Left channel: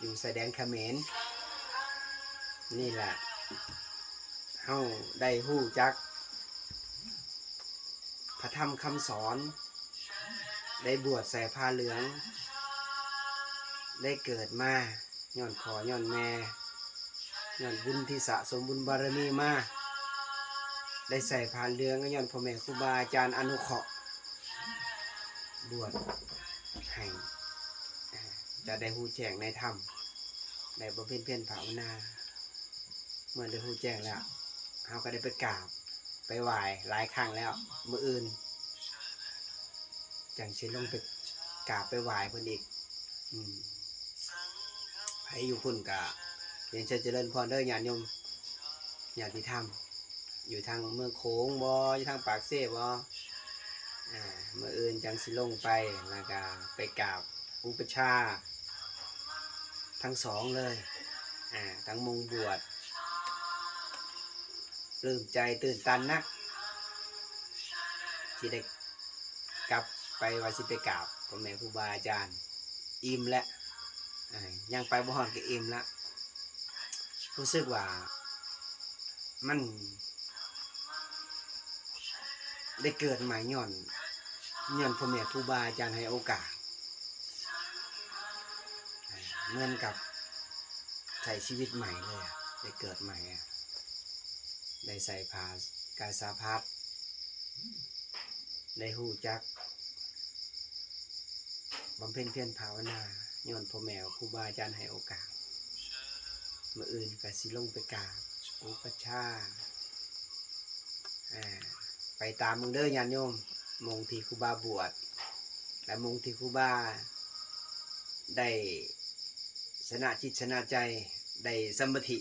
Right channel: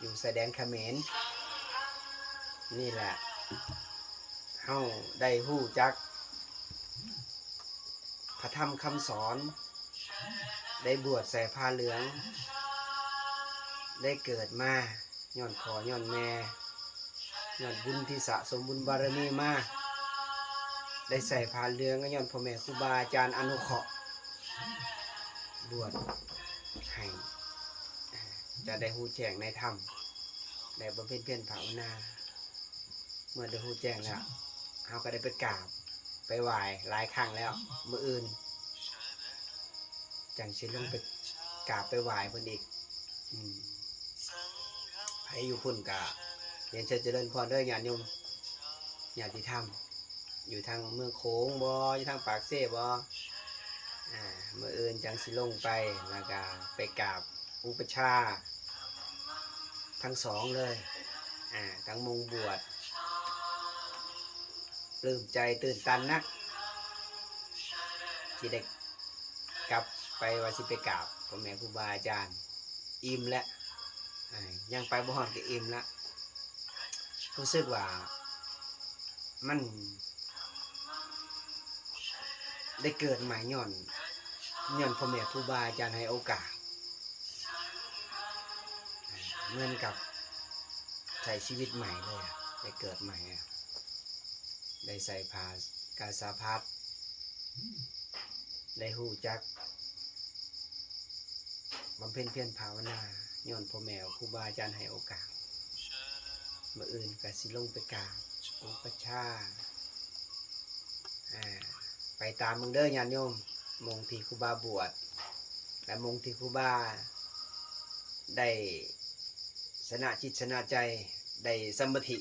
อยู่ชายแดนเขมรนี่แหละเฮาได้ฮู้จักพระธรรมคำสอนได้บวชใส่ผ้าเหลืองได้เกิดมาย้อนพ่อย้อนแม่ย้อนบุญที่สะสมบุญบารมีมาได้ใส่ผ้าเหลืองก็ย้อนพ่อแม่ครูบาอาจารย์อนุเคราะห์บวชให้จะได้ฮู้แจ้งในธรรมได้บำเพ็ญเพียรภาวนาเมื่อได้ฮู้แจ้งแล้วเฮาก็ได้ไปกราบไปไหว้หลายครั้งแล้วมื้ออื่นจังสิลงไปกราบไปไหว้เพิ่นอีกไผอยู่พุ่นก็เรียนเชิญเจริญพรเด้อญาติโยมญาติธรรมอยู่ทางเมืองโขงบ่อยู่ทางปากเซ่บ่มื้ออื่นจังสิลงไปแล้วก็ไปกราบอุปชาทั้งสองเลยทั้งมงบวชปลื้มใจตื่นตันนักที่ได้กลับไปว่าสิไปกราบพ่อแม่ครูบาอาจารย์อิ่มแล้วยังไปบ่ฮอดก็อิ่มละรู้สึกว่ามันได้เกิดใหม่ย้อนพ่อแม่ครูบาอาจารย์ให้โอกาสเหมือนกับใช้ชีวิตใหม่เลยได้เกิดใหม่ได้ใส่ผ้ากาสาพัดได้ฮู้จักบำเพ็ญเพียรภาวนาย้อนพ่อแม่ครูบาอาจารย์ให้โอกาสมื้ออื่นก็สิลงไปกราบอุปชาไปตามมึงเด้อญาติโยมมงที่ครูบาบวชและมงที่ครูบาได้ชนะจิตชนะใจได้สมาธิ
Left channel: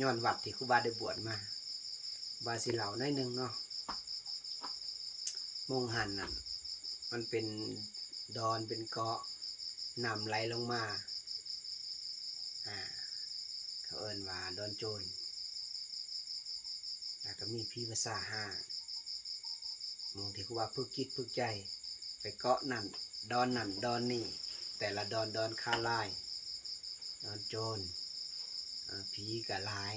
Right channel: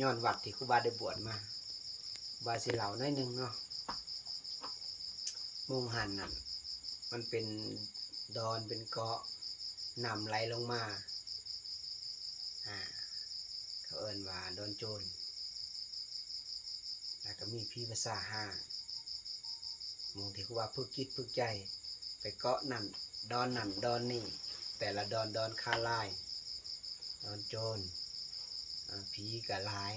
ย้อนวัดที่ครูบาได้บวชมาบาสิเหล่าน้อยหนึ่งเนาะมงหันนั่นมันเป็นดอนเป็นเกาะน้ำไหลลงมาเขาเอิ้นว่าดอนโจรแล้วก็มีพี่ภาษาห้ามงที่ครูบาฝึกจิตฝึกใจไปเกาะนั่นดอนนี่แต่ละดอนคาลายดอนโจรผีกะหลาย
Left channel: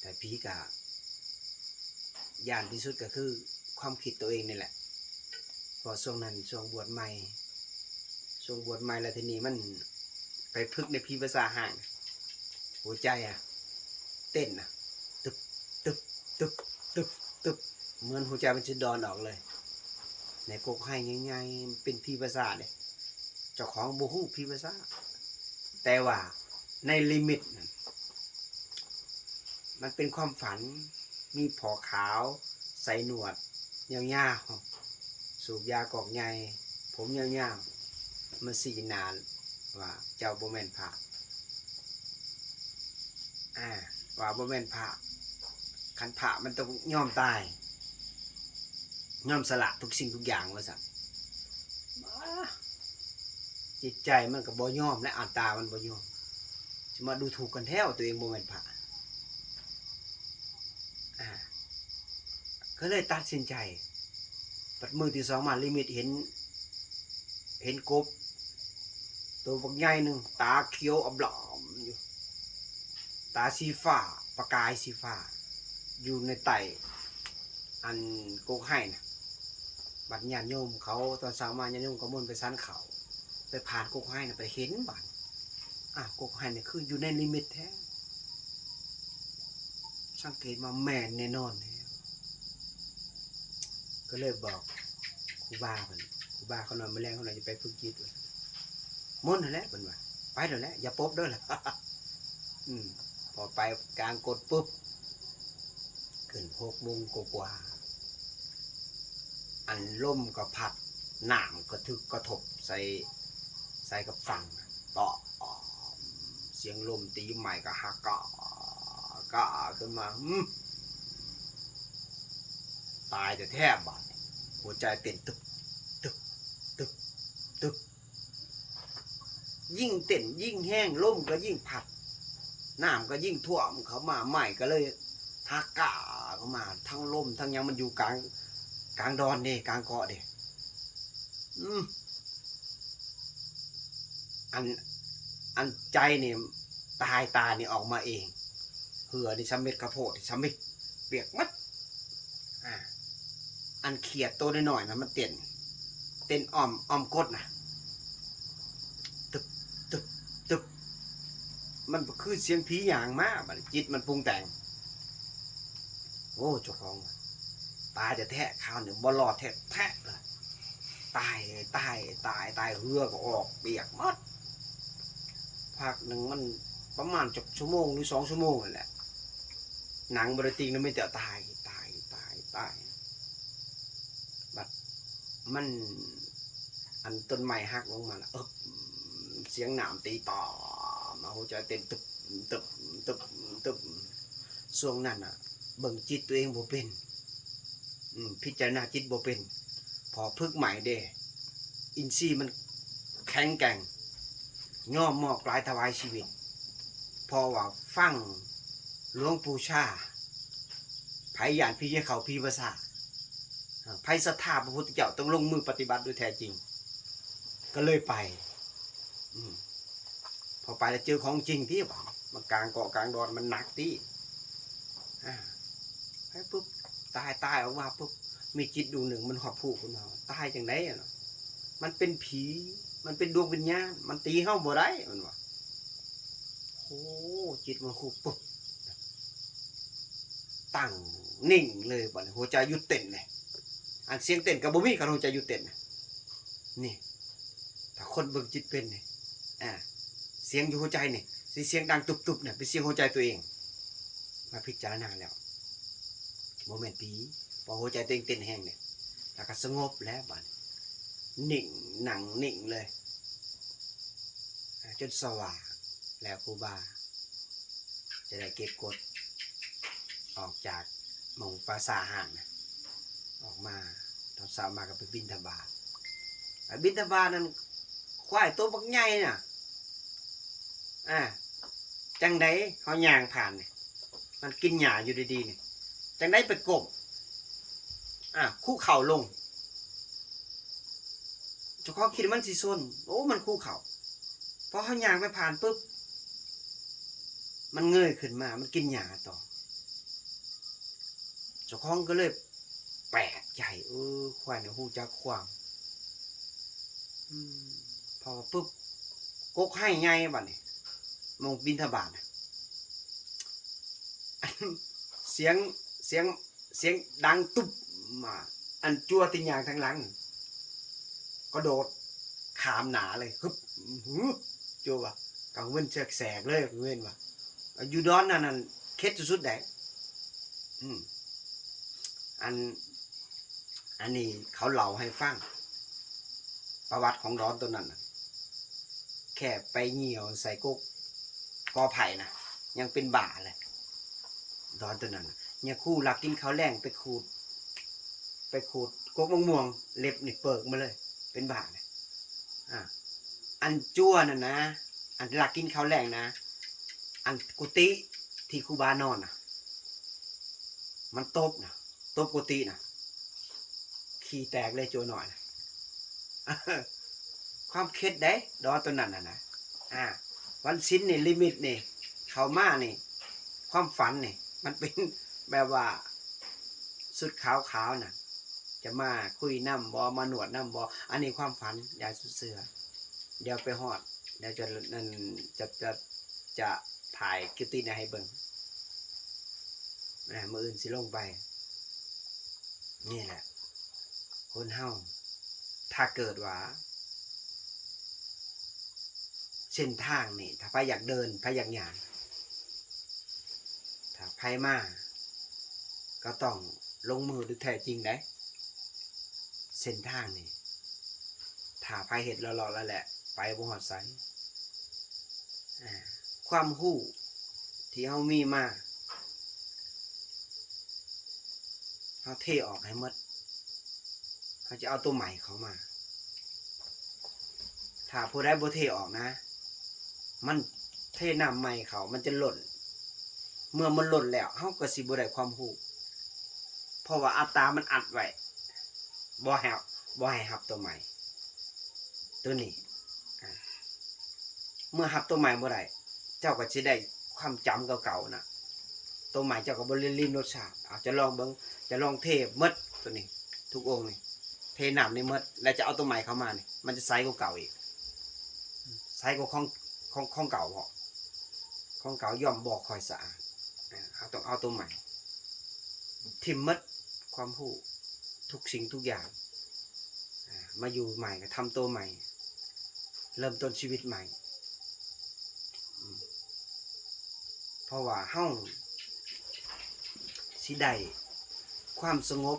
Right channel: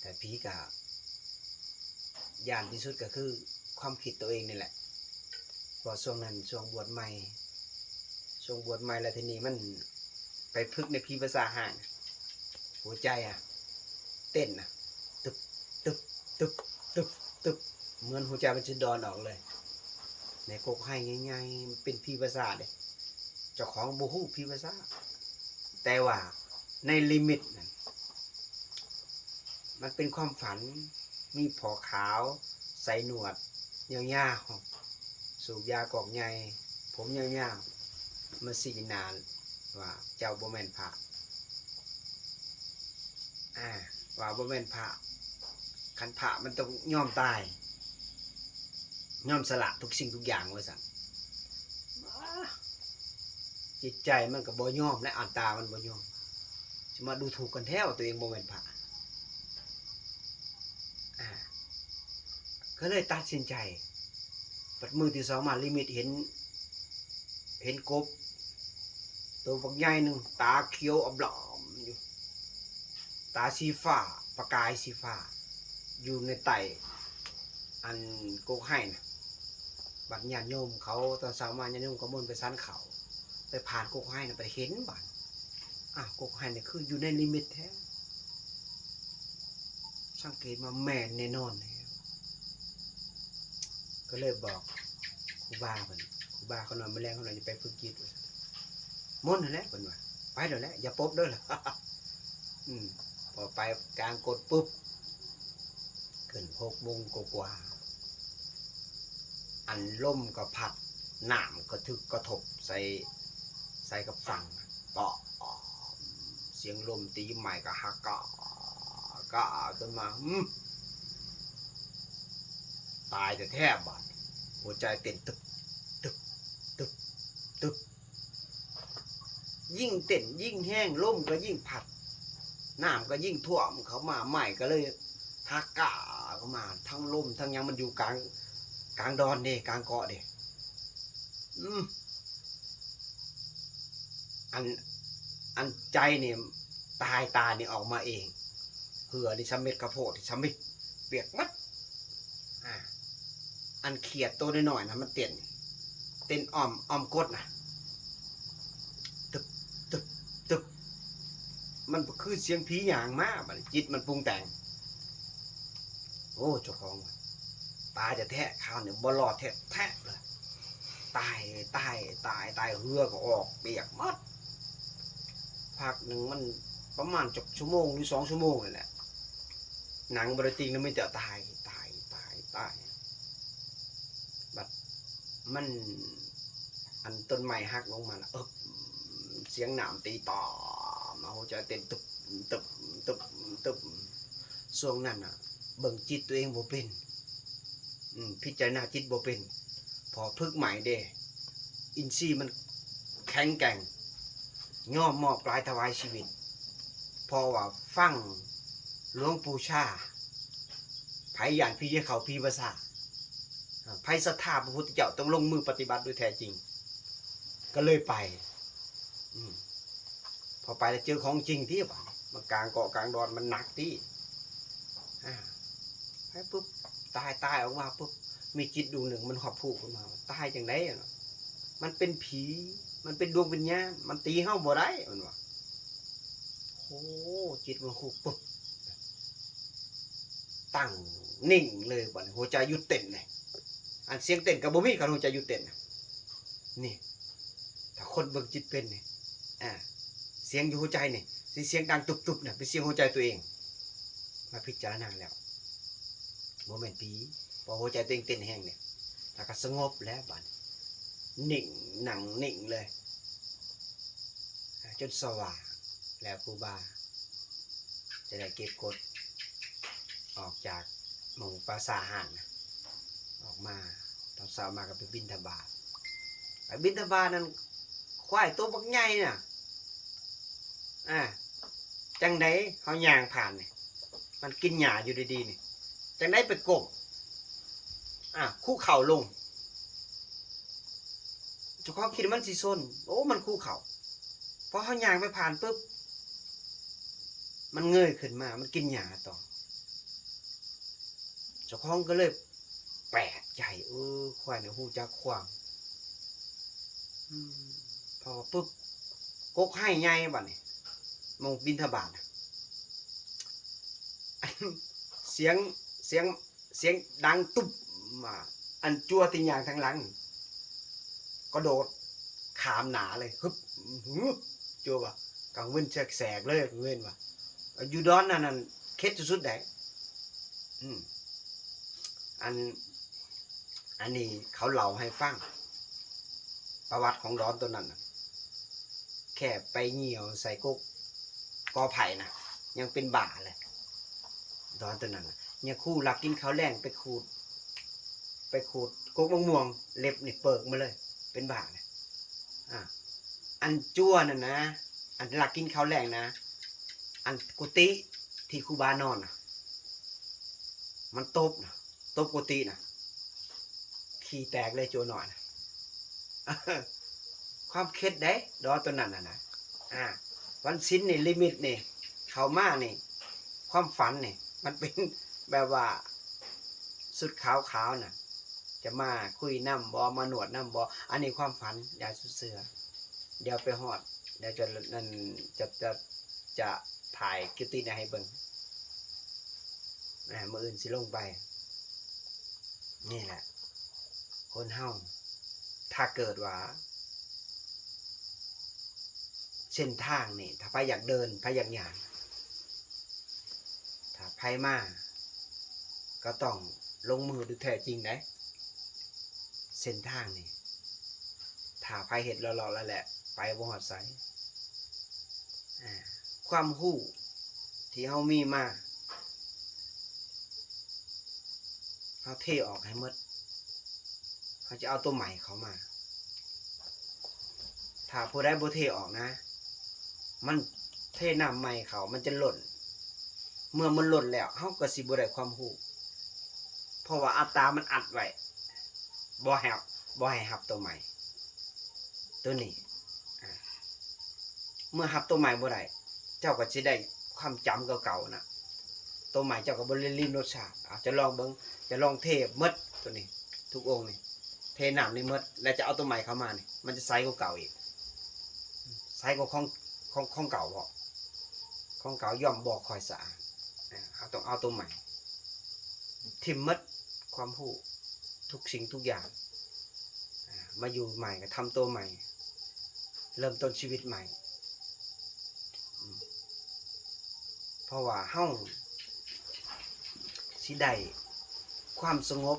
แต่ผีกะย่านที่สุดก็คือความคิดตัวเองนี่แหละพอช่วงนั้นช่วงบวชใหม่แล้วทีนี้มันไปพึกในผีภาษาห่างหัวใจเต้นตึบตึบตึบตึบตึบเหมือนหัวใจมันจะดอนออกเลยในกกให้ง่ายๆมันเป็นผีภาษาเด้เจ้าของบ่ฮู้ผีภาษาแต่ว่าในลิมิตนั้นมันเป็นความฝันมีผอขาวใส่หนวดยาวๆสูบยากอกใหญ่ผมยาวๆมาสีนานว่าเจ้าบ่แม่นพระว่าบ่แม่นพระคันพระมันต้องยอมตายยอมสละทุกสิ่งทุกอย่างว่าซั่นจิตใจมันก็บ่ยอมและอัตตามันบ่ยอมสิมาดูถูกกันแท้ว่าตัวเองบ่แม่นพระก็เลยตัดสินใจปัดมือที่สองมาลิมิตเห็นกบตัวบักใหญ่หนึ่งตาเขียวอำลอมอยู่ตาสีฟ้าประกายสีฟ้าอยู่ในไต่อันโกกให้นะบัดญาติโยมเขาตอนเช้ามาญาติโยมก็มุ่นไปสันเขาไปผ่านโกกให้นะไปเห็นบัดโกกให้เนี่ยคืออยู่ในลิมิตแท้สังเกตมาแม่นแน่นอนก็เลยบอกครูบาเพิ่นครูบาเขานอนมาแรงเขาหน่อยจะไปฝึกจิตมุ่นนั่นแหละเพิ่นว่าไปเดี๋ยวแหละอย่าปบเด้อล่ะ พอไปกลางกดปุ๊บขึ้น6 โมงกว่าอันล่มก็พัดน้ำก็ทึกก็ทบใส่กับฝั่งเปาะเสียงลมตีใหม่ก็ฮักก็ขึ้นมาตายแต่แทบบาดหัวใจเต้นตึบตึบตึบตึบยิ่งเต้นยิ่งแห้งลมก็ยิ่งพัดน้ำก็ยิ่งท่วมเขามาใหม่ก็เลยฮักกะเข้ามาทั้งลมทั้งยังมันอยู่กลางดอนเด้กลางเกาะเด้อัน อันใจนี่ตายตานี่ออกมาเองเหือนี่สำเร็จกระโพดนี่สำเร็จเปียกมัดอันเขียดตัวน้อยๆนะมันเต้นอ้อมกดนะตึบตึบตึบมันคือเสียงผีหยางมากจิตมันปรุงแต่งโอ้เจ้าของตายจะแทะข้าวเนี่ยบ่รอดแทะเลยตายเหือก็ออกเปียกมัดพักหนึ่งมันประมาณ1 ชั่วโมงหรือ2 ชั่วโมงนั่นแหละหนังบริติงนั้นไม่แต่ตายบัดมันอันต้นไม้หักลงมาแล้วเสียงหนามตีต่อมาหัวใจเต้นตึบช่วงนั้นอ่ะเบิ่งจิตตัวเองบ่เป็นพิจารณาจิตบ่เป็นพอพึกใหม่เด้อินทรีย์มันแข็งแกร่งย่อมมอบกลายถวายชีวิตพอว่าฟังหลวงปู่ชาไผย่านพี่เขาพี่ภาษาไผศรัทธาพระพุทธเจ้าต้องลงมือปฏิบัติโดยแท้จริงก็เลยไปพอไปแล้วเจอของจริงที่มันกลางเกาะกลางดอนมันหนักที่ไปปุ๊บตายออกมาปุ๊บมีจิตดวงหนึ่งมันหอบผูกขึ้นมาตายจังได๋เนาะมันเป็นผีมันเป็นดวงวิญญาณมันตีเฮาบ่ได้มันว่าโอ้จิตมันคุกปุ๊บตั้งนิ่งเลยบัดนี้หัวใจหยุดเต้นเลยอันเสียงเต้นก็บ่มีคันหัวใจหยุดเต้นนี่ถ้าคนเบิ่งจิตเป็นนี่เสียงอยู่หัวใจนี่สิเสียงดังตุบๆเนี่ยเป็นเสียงหัวใจตัวเองมาพิจารณาแล้วบ่แม่นผีพอหัวใจตัวเองเต้นแห้งเนี่ยแล้วก็สงบแล้วบัดนิ่งหนังนิ่งเลยจนสว่างแล้วครูบาจะได้เก็บกดออกจากหมู่ปราสาทห่างนะออกมาตอนเช้ามาก็ไปบิณฑบาตนั้นควายตัวบักใหญ่น่ะจังไดเฮาย่างผ่านนี่มันกินหญ้าอยู่ดีๆนี่จังไดไปก้มคู่เข่าลงเจ้าของคิดว่ามันสิซนโอ้มันคู่เข่าพอเฮาย่างไปผ่านปุ๊บมันเงยขึ้นมามันกินหญ้าต่อเจ้าของก็เลยแปลกใจควายเนี่ยฮู้จักความพอปุ๊บกกให้ใหญ่บัดนี้มองบิณฑบาตเสียงดังตุ๊บมาอันจั่วติญางทางหลังก็โดดขามหนาเลยฮึบจั่วว่ะกังเว้นแสกเลยกังเว้นว่ะอยู่ดอนนั่นเค็ดสุดๆได้อันนี้เขาเล่าให้ฟังประวัติของดอนตัวนั้นนะแค่ไปเหี่ยวใส่กุ๊กกอไผ่นะยังเป็นบ่าเลยดอนตัวนั้นเนี่ยคู่หลักกินข้าวแรงไปขูดกุ๊กมะม่วงเล็บนี่เปิกมาเลยเป็นบ่าเลยอันจั่วน่ะนะอันหลักกินข้าวแรงนะอันกุฏิที่ครูบานอนนะมันตบกุฏินะขี้แตกเลยจั่วหน่อยนะความเคล็ดได้ดอตัวนั้นนะวันสิ้นนี่ลิมิตนี่เข้ามานี่ความฝันนี่มันเป็นแบบว่าสุดขาวน่ะจะมาคุยน้ำบอมาหนวดน้ำบออันนี้ความฝันอย่าสุดเสือเดี๋ยวไปฮอดเดี๋ยวจะถ่ายคลิปตีนให้เบิ่งมื้ออื่นสิลงไปนี่แหละคนเฮาถ้าเกิดว่าเส้นทางนี่ถ้าไปอยากเดินไปอยากย่างถ้าไปมาก็ต้องลงมือด้วยแท้จริงได้เส้นทางนี่ถ้าไปเห็ดหล่อๆแล้วแหละไปบ่ฮอดไสความรู้ที่เฮามีมาเฮาเทออกให้หมดเฮาจะเอาตัวใหม่เข้ามาถ้าผู้ใดบ่เทออกนะมันเทน้ำใหม่เขามันจะหล่นเมื่อมันหล่นแล้วเฮาก็สิบ่ได้ความรู้เพราะว่าอัตตามันอัดไว้บ่ให้รับตัวใหม่ตัวนี้ เมื่อหับตัวใหม่บ่ได้เจ้าก็สิได้ความจำเก่าๆน่ะตัวใหม่เจ้าก็บ่ได้ลิ้มรสชาติอาจจะลองเบิ่งจะลองเทหมดตัวนี้ทุกองค์นี่เทน้ำนี่หมดแล้วจะเอาตัวใหม่เข้ามานี่มันจะใสกว่าเก่าอีกใสกว่าของเก่าบ่ของเก่าย่อมบ่ค่อยสะอาดต้องเอาตัวใหม่ทิ่มหมดความรู้ทุกสิ่งทุกอย่างมาอยู่ใหม่ก็ทำตัวใหม่เริ่มต้นชีวิตใหม่เพราะว่าเฮาสิได้ความสงบ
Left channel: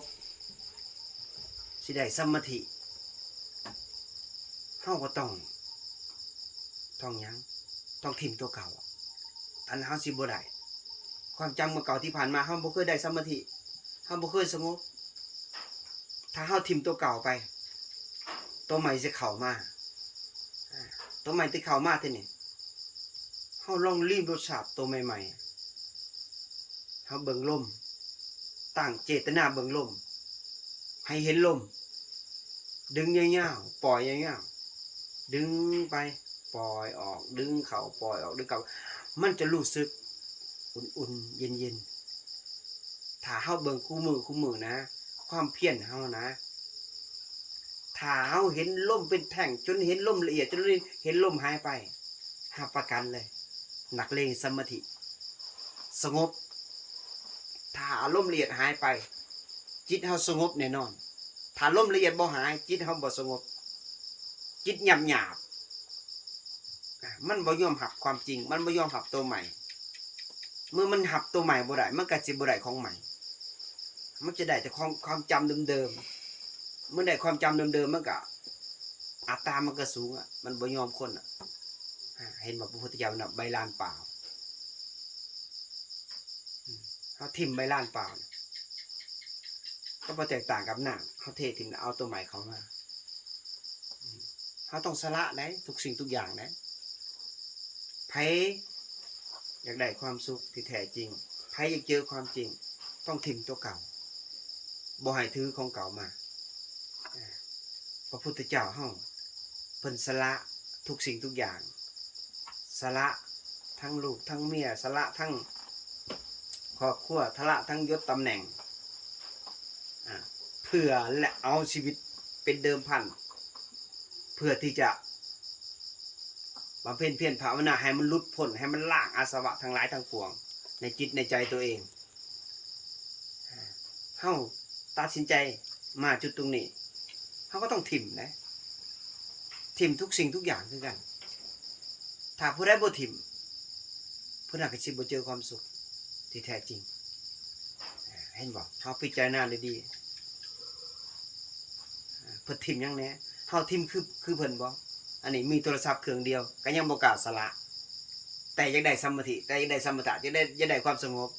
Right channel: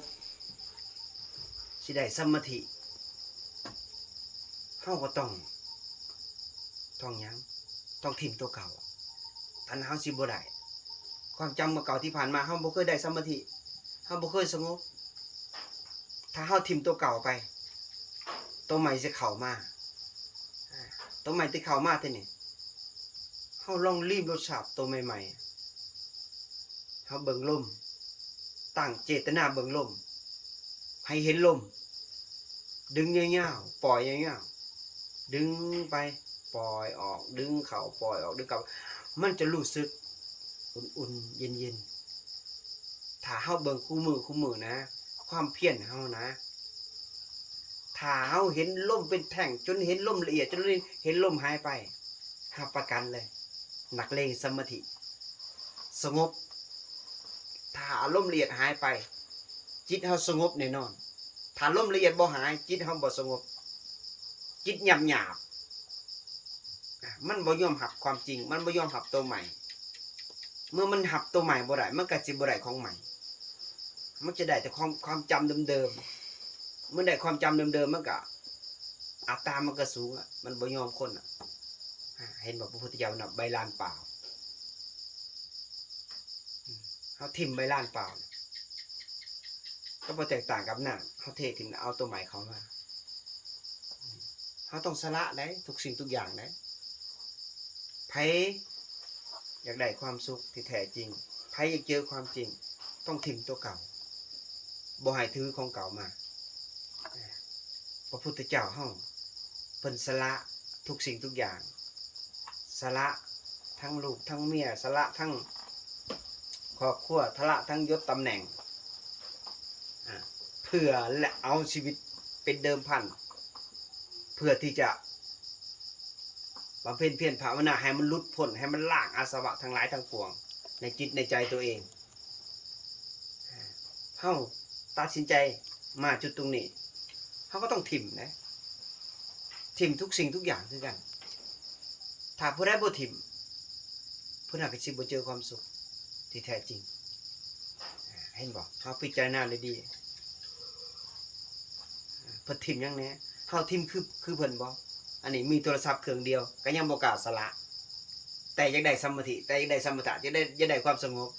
สิได้สมาธิเฮาก็ต้องหยังต้องถิ่มตัวเก่าอันเฮาสิบ่ได้ความจำเมื่อเก่าที่ผ่านมาเฮาบ่เคยได้สมาธิเฮาบ่เคยสงบถ้าเฮาถิ่มตัวเก่าไปตัวใหม่จะเข้ามาตัวใหม่ที่เข้ามาเท่านี้เฮาลองลิ้มรสชาติตัวใหม่ๆเฮาเบิ่งลมตั้งเจตนาเบิ่งลมให้เห็นลมดึงยาวๆปล่อยยาวๆดึงไปปล่อยออกดึงเข้าปล่อยออกดึงเข้ามันจะรู้สึกอุ่นๆเย็นๆถ้าเฮาเบิ่งคู่มือนะความเพียรเฮานะถ้าเฮาเห็นลมเป็นแท่งจนเห็นลมละเอียดจนเห็นลมหายไปรับประกันเลยนักเลงสมาธิสงบถ้าอารมณ์ละเอียดหายไปจิตเฮาสงบแน่นอนถ้าลมละเอียดบ่หายจิตเฮาบ่สงบจิตหยาบมันบ่ยอมรับความจริงมันบ่ยอมรับตัวใหม่เมื่อมันรับตัวใหม่บ่ได้มันก็สิบ่ได้ของใหม่มันจะได้แต่ความจำเดิมๆเมื่อได้ความจำเดิมๆมันก็อัตตามันก็สูงมันบ่ยอมคนเห็นบ่พระพุทธเจ้าน่ะใบลานเปล่าเฮาทิ่มใบลานเปล่าก็บ่แตกต่างกับน้ำเฮาเททิ้งเอาตัวใหม่เข้ามาเฮาต้องสละได้ทุกสิ่งทุกอย่างได้ไผอยากได้ความสุขที่แท้จริงไผอยากเจอความจริงต้องทิ่มตัวเก่าบ่ให้ถือของเก่ามาพระพุทธเจ้าเฮาเพิ่นสละทุกสิ่งทุกอย่างสละทั้งลูกทั้งเมียสละทั้งครอบครัวสละทั้งยศตำแหน่งเพื่อและเอาชีวิตเป็นเดิมพันเพื่อที่จะบำเพ็ญเพียรภาวนาให้มันหลุดพ้นให้มันล้างอาสวะทั้งหลายทั้งปวงในจิตในใจตัวเองเฮาตัดสินใจมาจุดตรงนี้เฮาก็ต้องถิ่มนะถิ่มทุกสิ่งทุกอย่างคือกันถ้าผู้ใดบ่ถิ่มผู้นั้นก็สิบ่เจอความสุขที่แท้จริงเห็นบ่เฮาพิจารณาดีๆเพิ่นถิ่มหยังแหน่เฮาถิ่มคือเพิ่นบ่อันนี้มีโทรศัพท์เครื่องเดียวก็ยังบ่กล้าสละแต่อยากได้สมาธิแต่อยากได้สมถะอยากได้ความสงบ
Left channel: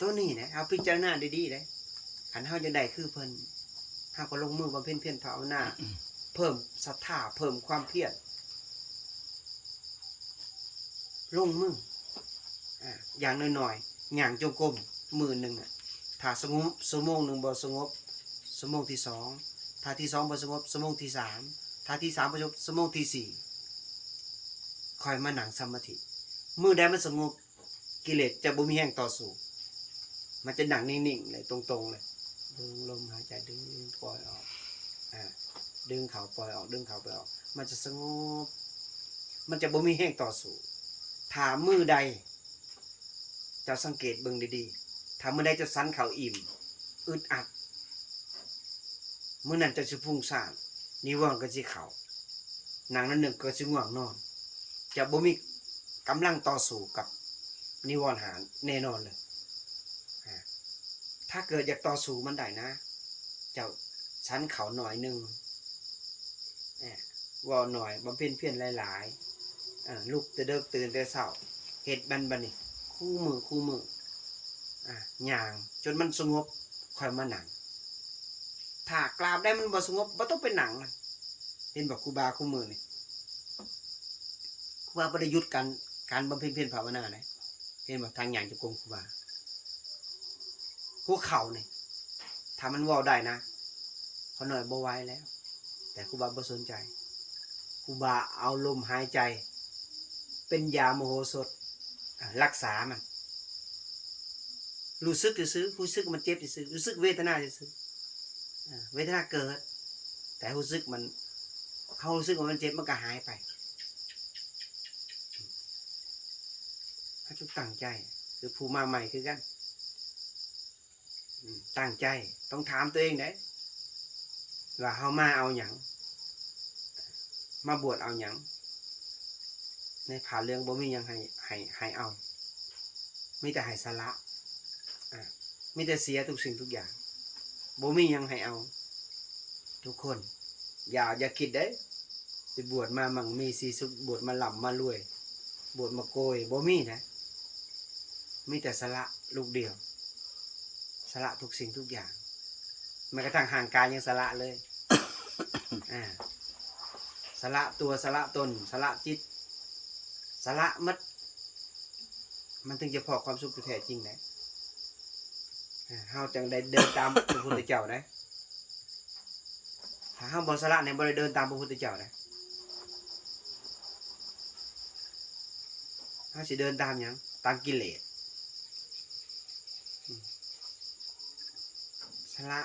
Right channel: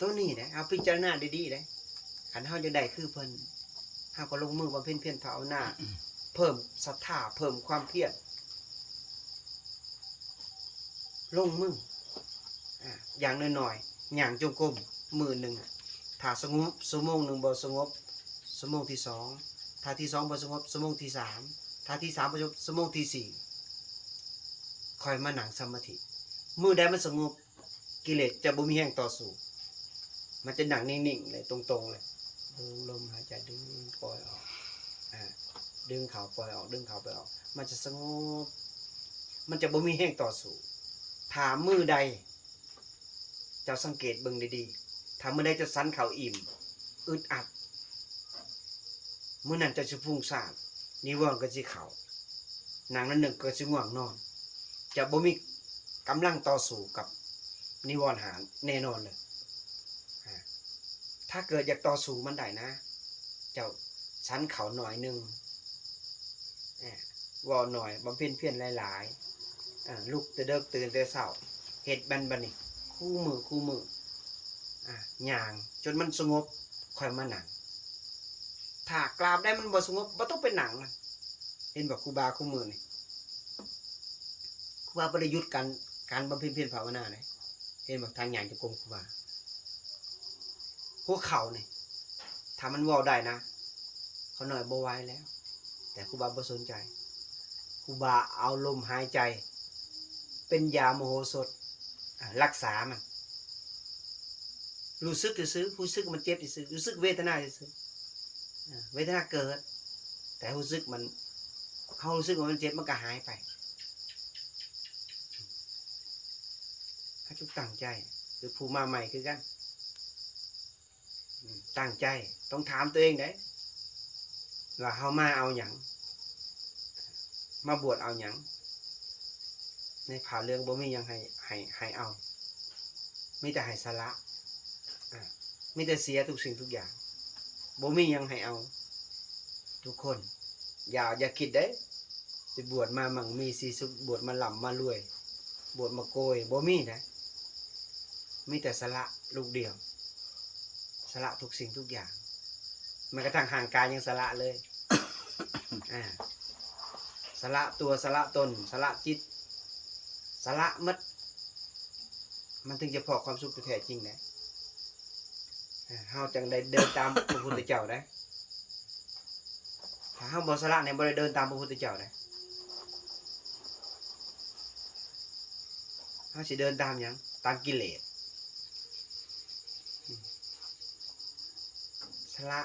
ตัวนี้นะเอาพิจารณาดีๆเด้คันเฮาอยากได้คือเพิ่นเฮาก็ลงมือบำเพ็ญเพียรภาวนาเพิ่มศรัทธาเพิ่มความเพียรลงมืออย่างน้อยๆย่างจงกรมมื้อนึงถ้าสงบชั่วโมงนึงบ่สงบชั่วโมงที่2ถ้าที่2บ่สงบชั่วโมงที่3ถ้าที่3บ่สงบชั่วโมงที่4ค่อยมานั่งสมาธิมื้อใดมันสงบกิเลสจะบ่มีแรงต่อสู้มันจะนั่งนิ่งๆเลยตรงๆเลยดึงลมหายใจดึงปล่อยออกดึงเข้าปล่อยออกดึงเข้าปล่อยออกมันจะสงบมันจะบ่มีแรงต่อสู้ถ้ามื้อใดเจ้าสังเกตเบิ่งดีๆถ้ามื้อใดเจ้าสันเข้าอิ่มอึดอัดมื้อนั้นเจ้าสิฟุ้งซ่านนิวรณ์ก็สิเข้านั่งนั้นนึงก็สิง่วงนอนจะบ่มีกำลังต่อสู้กับนิวรณ์หาแน่นอนเลยถ้าเกิดอยากต่อสู้มันได้นะเจ้าชั้นเขาหน่อยนึงว่าหน่อยบำเพ็ญเพียรหลายๆลุกแต่เด็กตื่นแต่เช้าเฮ็ดบัดนี้คู่มือย่างจนมันสงบค่อยมานั่งถ้ากราบได้มันบ่สงบบ่ต้องไปนั่งมันเห็นบ่ครูบาคู่มือนี่ครูบาบ่ได้หยุดการบำเพ็ญเพียรภาวนาเด้เห็นบ่ทางย่างจงกรมครูบาหัวเข่านี่ถ้ามันเว้าได้นะเขาหน่อยบ่ไหวแล้ว แต่ครูบาบ่สนใจครูบาเอาลมหายใจเป็นยาโมโหสถรักษามันรู้สึกซื่อรู้สึกมันเจ็บซื่อรู้สึกเวทนาซื่อเวทนาเกิดแต่รู้สึกมันเขารู้สึกว่ามันเจ็บมันก็หายไปให้ทุกตั้งใจคือผู้มาใหม่คือกันตั้งใจต้องถามตัวเองได้ว่าเฮามาเอาหยังมาบวชเอาหยังในผ่าเรื่องบ่มีหยังให้เอามีแต่ให้สละมีแต่เสียทุกสิ่งทุกอย่างบ่มีหยังให้เอาทุกคนอย่าคิดเด้จะบวชมามั่งมีสีสุขบวชมาหล่ำมารวยบวชมาโกยบ่มีนะมีแต่สละลูกเดียวสละทุกสิ่งทุกอย่างแม้กระทั่งห่างกายยังสละเลย สละตัวสละตนสละจิตสละมัดมันถึงจะพอความสุขแท้จริงนะเฮาจังได้เดินตามพระพุทธเจ้าได้ถ้าเฮาบ่สละเนี่ยบ่ได้เดินตามพระพุทธเจ้าได้เฮาสิเดินตามหยังตามกิเลสสละ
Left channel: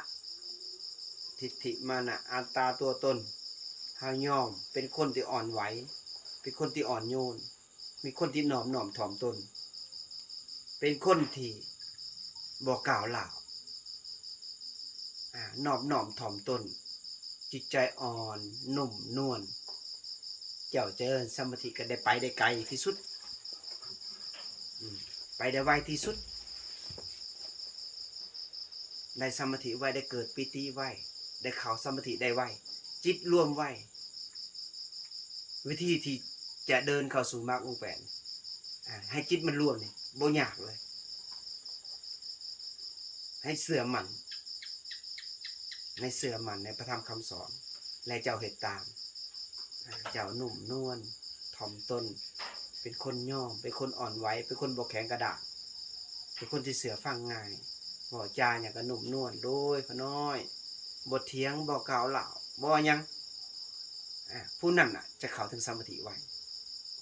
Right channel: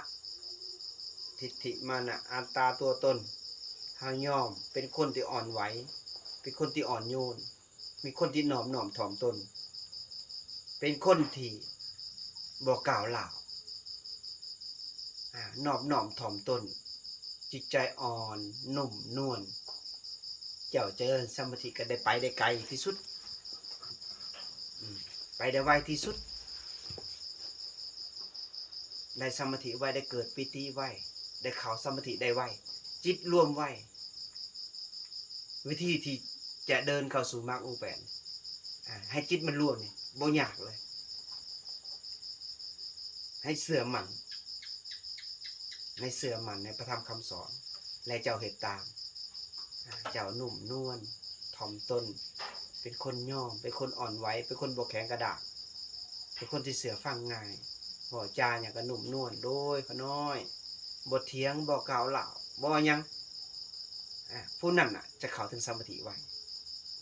ทิฏฐิมานะอัตตาตัวตนเฮายอมเป็นคนที่อ่อนไหวเป็นคนที่อ่อนโยนมีคนที่หน่อมถ่อมตนเป็นคนที่บ่กล่าวล่าวนอบน้อมถ่อมตนจิตใจอ่อนนุ่มนวลเจ้าเจริญสมาธิก็ได้ไปได้ไกลที่สุดไปได้ไวที่สุดได้สมาธิไวได้เกิดปิติไวได้เข้าสมาธิได้ไวจิตรวมไววิธีที่จะเดินเข้าสู่มรรคองค์แปดให้จิตมันรวมนี่บ่ยากเลยให้เสื่อมันในเสื่อมันในพระธรรมคำสอนและเจ้าเหตุตามเจ้านุ่มนวลถ่อมตนเป็นคนย่อมเป็นคนอ่อนไหวเป็นคนบ่แข็งกระด้างเป็นคนที่เสือฟังง่ายบ่จาอย่างก็นุ่มนวลโดยขน้อยบ่เถียงบ่กล่าวล่าวบ่ยังผู้นั้นจะเข้าถึงสมาธิไว้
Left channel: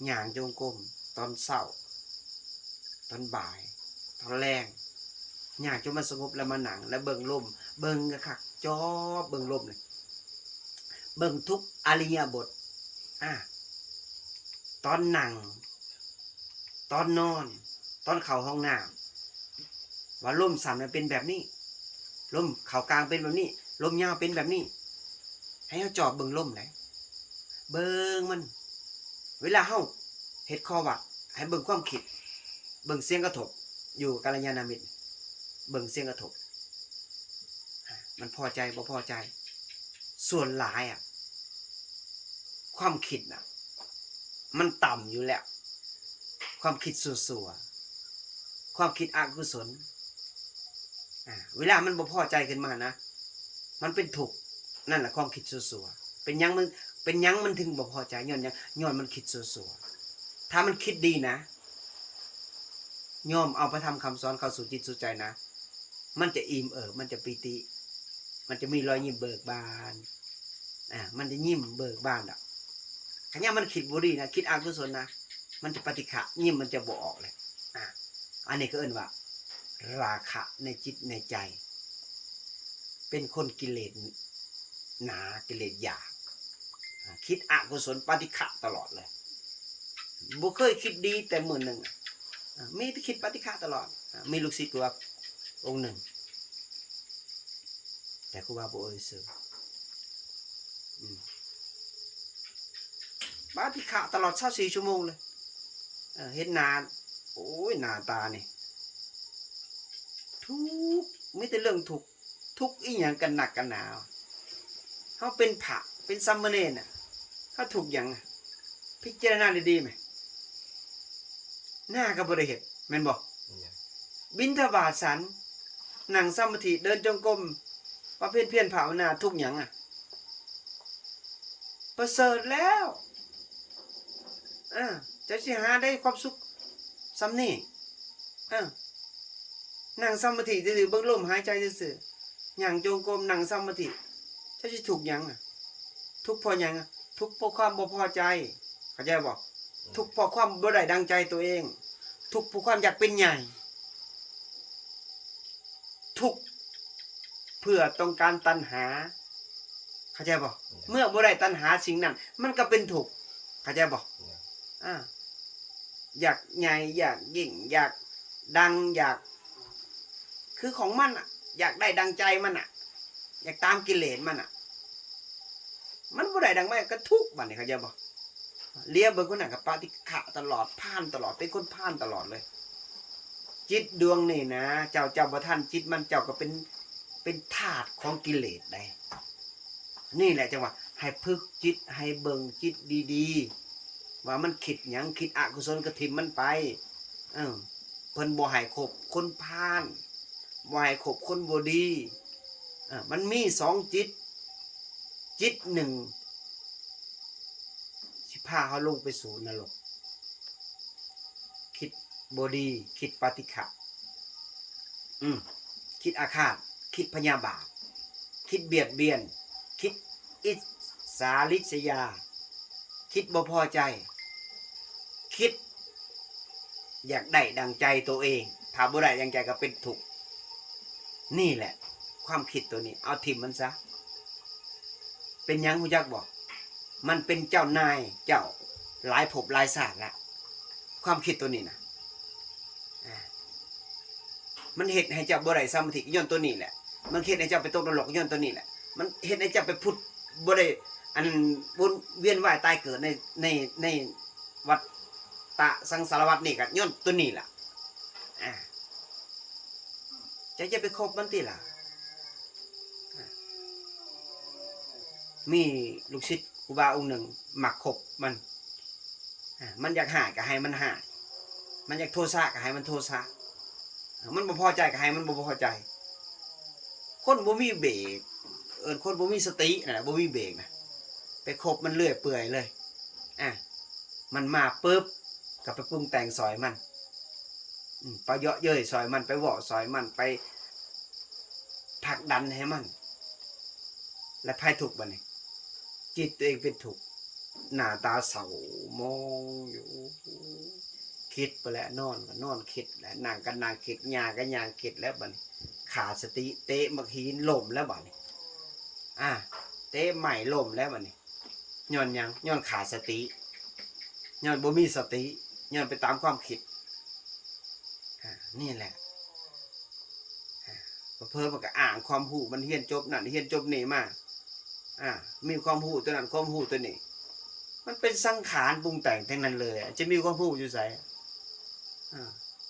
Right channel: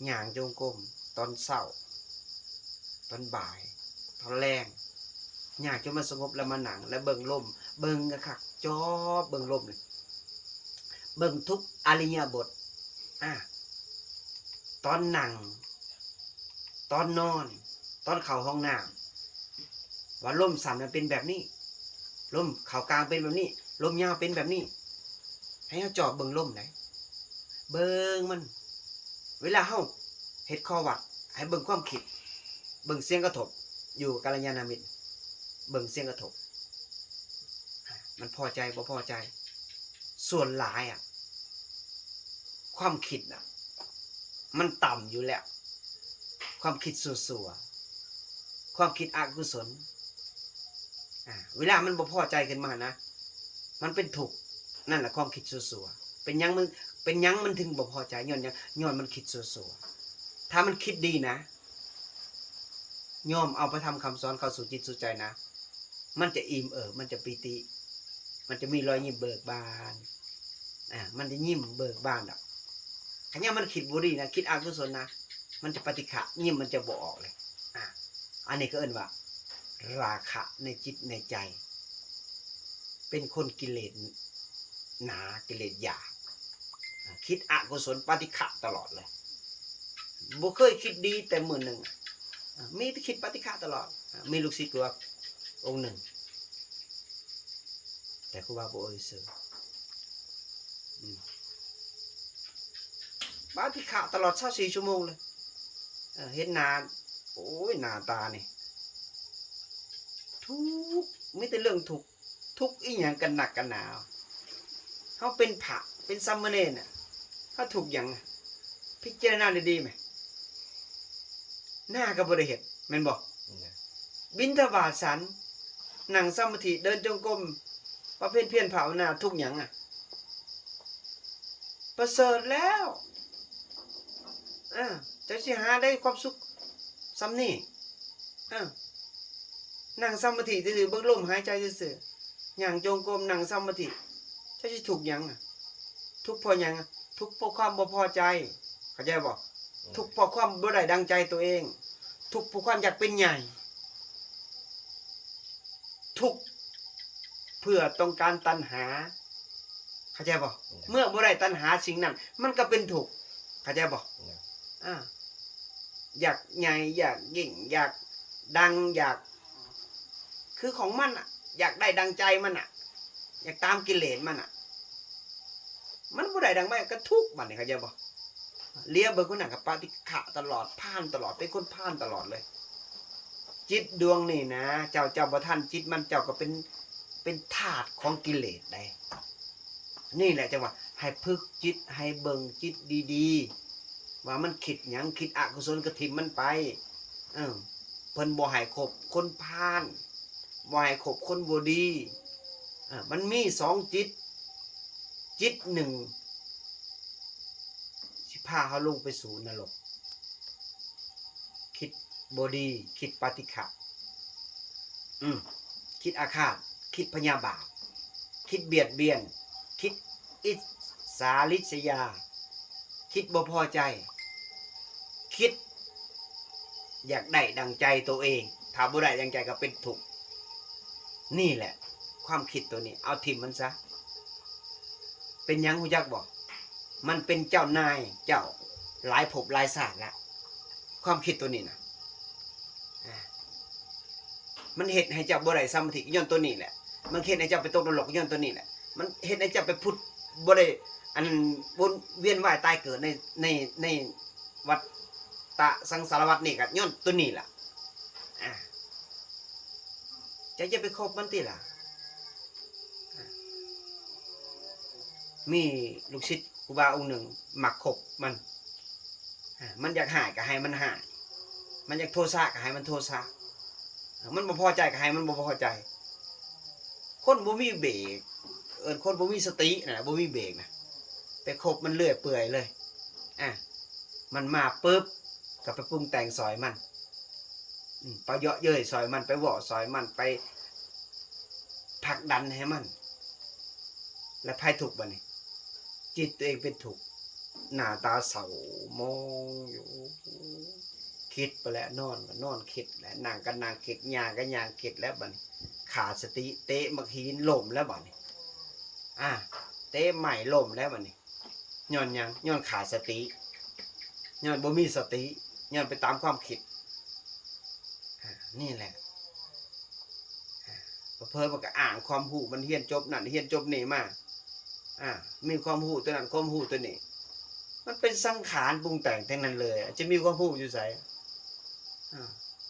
ย่างจงกรมตอนเช้าตอนบ่ายตอนแรงย่างจนมันสงบแล้วมาหนังแล้วเบิ่งลมเบิ่งกะคักจอเบิ่งลมเลยเบิ่งทุกอริยบทตอนนั่งตอนนอนตอนเข้าห้องน้ำว่าลมสั่นมันเป็นแบบนี้ลมเข้ากลางเป็นแบบนี้ลมยาวเป็นแบบนี้ให้เฮาจอบเบิ่งลมไหนเบิ่งมันเวลาเฮาเฮ็ดข้อวัดให้เบิ่งความคิดเบิ่งเสียงกระทบอยู่กัลยาณมิตรเบิ่งเสียงกระทบมันพอใจบ่พอใจส่วนหลายความคิดมันต่ำอยู่แล้วความคิดสั่วๆความคิดอกุศลเวลามันบ่พอใจขึ้นมานะมันเป็นทุกข์นั่นแหละความคิดสั่วๆเป็นยังมันถึงบ่พอใจย้อนมันคิดสั่วๆถ้ามันคิดดีนะยอมเอาไปทำคำสอนเข้าสู่จิตสู่ใจนะมันจะอิ่มมันจะปิติมันจะมีรอยยิ้มเบิกบานมันจะยิ้มเบิกบานขณะมันคิดบุรีนะคิดอกุศลนะมันจะปฏิฆะยิ้มมันจะบ่ออกเลยอันนี้ก็เอิ้นว่าราคะในจิตในใจเป็นคนกิเลสหนากิเลสหยาบคิดอกุศลปฏิฆะตลอดเลยบ่เคยคิดดีแต่มื้อนึงมีแต่คิดปฏิฆะตลอดมีลูกศิษย์กูว่าองค์หนึ่งแต่ครูบาบ่เอ่ยชื่อปฏิฆะตลอด24ชั่วโมงเลยเห็นหน้าโอ้ยหน้าตานี่ทุกไม่แต่เรื่องทุกอีหยังกันหนักกันหนาเฮาเป็นพระเป็นสามเณรเฮาทุกหยังพิจารณาดีๆมั้ยหน้าก็บ่ได้เฮ็ดแม่นบ่บิณฑบาตฉันนั่งสมาธิเดินจงกรมประเภทเพียรภาวนาทุกหยังประเสริฐแล้วจะสิหาได้ความสุขซ้ำนี่นั่งสมาธิซื่อๆเบิ่งลมหายใจซื่อๆย่างจงกรมนั่งสมาธิจะสิถูกหยัง ทุกข์เพราะหยังทุกข์เพราะความบ่พอใจเข้าใจบ่ทุกข์เพราะความบ่ได้ดังใจตัวเองทุกข์เพราะความอยากเป็นใหญ่ทุกข์เพื่อต้องการตัณหาเข้าใจบ่เมื่อบ่ได้ตัณหาสิ่งนั้นมันก็เป็นทุกข์เข้าใจบ่อยากใหญ่อยากยิ่งอยากดังอยากคือของมันอ่ะอยากได้ดังใจมันอ่ะอยากตามกิเลสมันอ่ะมันบ่ได้ดังไม่ก็ทุกข์บัดนี้เข้าใจบ่เลียเบิ่งคนนั้นกับปฏิฆะตลอดผ่านตลอดเป็นคนผ่านตลอดเลยจิตดวงนี่นะเจ้าบ่ทันจิตมันเจ้าก็เป็นธาตุของกิเลสได้นี่แหละจังว่าให้ฝึกจิตให้เบิ่งจิตดีๆว่ามันคิดหยังคิดอกุศลก็ทิ่มมันไปเพิ่นบ่ให้คบคนพาลบ่ให้คบคนบ่ดีมันมี2จิตจิตหนึ่งสิพาเฮาลงไปสู่นรกคิดบ่ดีคิดปฏิฆะคิดอาฆาตคิดพยาบาทคิดเบียดเบียนคิดอิสาริษยาคิดบ่พอใจคิดอยากได้ดังใจตัวเองถ้าบ่ได้ดังใจก็เป็นทุกข์นี่แหละความคิดตัวนี้เอาทิ่มมันซะเป็นหยังฮู้จักบ่มันเป็นเจ้านายเจ้าหลายภพหลายชาติละความคิดตัวนี้นะมันเฮ็ดให้เจ้าบ่ได้สมาธิย้อนตัวนี้แหละมันเฮ็ดให้เจ้าไปตกนรกย้อนตัวนี้แหละมันเฮ็ดให้เจ้าไปพุทธบ่ได้อันวนเวียนว่ายตายเกิดในวัฏฏะสังสารวัฏนี่ก็ย้อนตัวนี้ล่ะจะไปคบมันติล่ะมีลูกศิษย์ครูบาองค์หนึ่งหมักคบมันอยากหายก็ให้มันหายมันอยากโทษะก็ให้มันโทษะมันบ่พอใจก็ให้มันบ่พอใจคนบ่มีเบรกคนบ่มีสติน่ะบ่มีเบรกนะไปคบมันเลื่อยเปื่อยเลยมันมาปึ๊บก็ไปปรุงแต่งซอยมันไปเยาะเย้ยซอยมันไปเว้าซอยมันไปผลักดันให้มันและภัยทุกข์บัดนี้จิตตัวเองเป็นทุกข์หน้าตาเศร้ามองอยู่คิดไปแล้วนอนก็นอนคิดแล้วนั่งก็นั่งคิดย่างก็ย่างคิดแล้วบัดนี้ขาดสติเตะมักหินล้มแล้วบัดนี้เตะใหม่ล้มแล้วบัดนี้ย้อนหยังย้อนขาดสติย้อนบ่มีสติย้อนไปตามความคิดนี่แหละเพิ่มมันก็อ่างความหูมันเฮียนจบนั่นเฮียนจบนี่มามีความหูตัวนั้นความหูตัวนี้มันเป็นสังขารปรุงแต่งทั้งนั้นเลยจะมีความหูอยู่ไส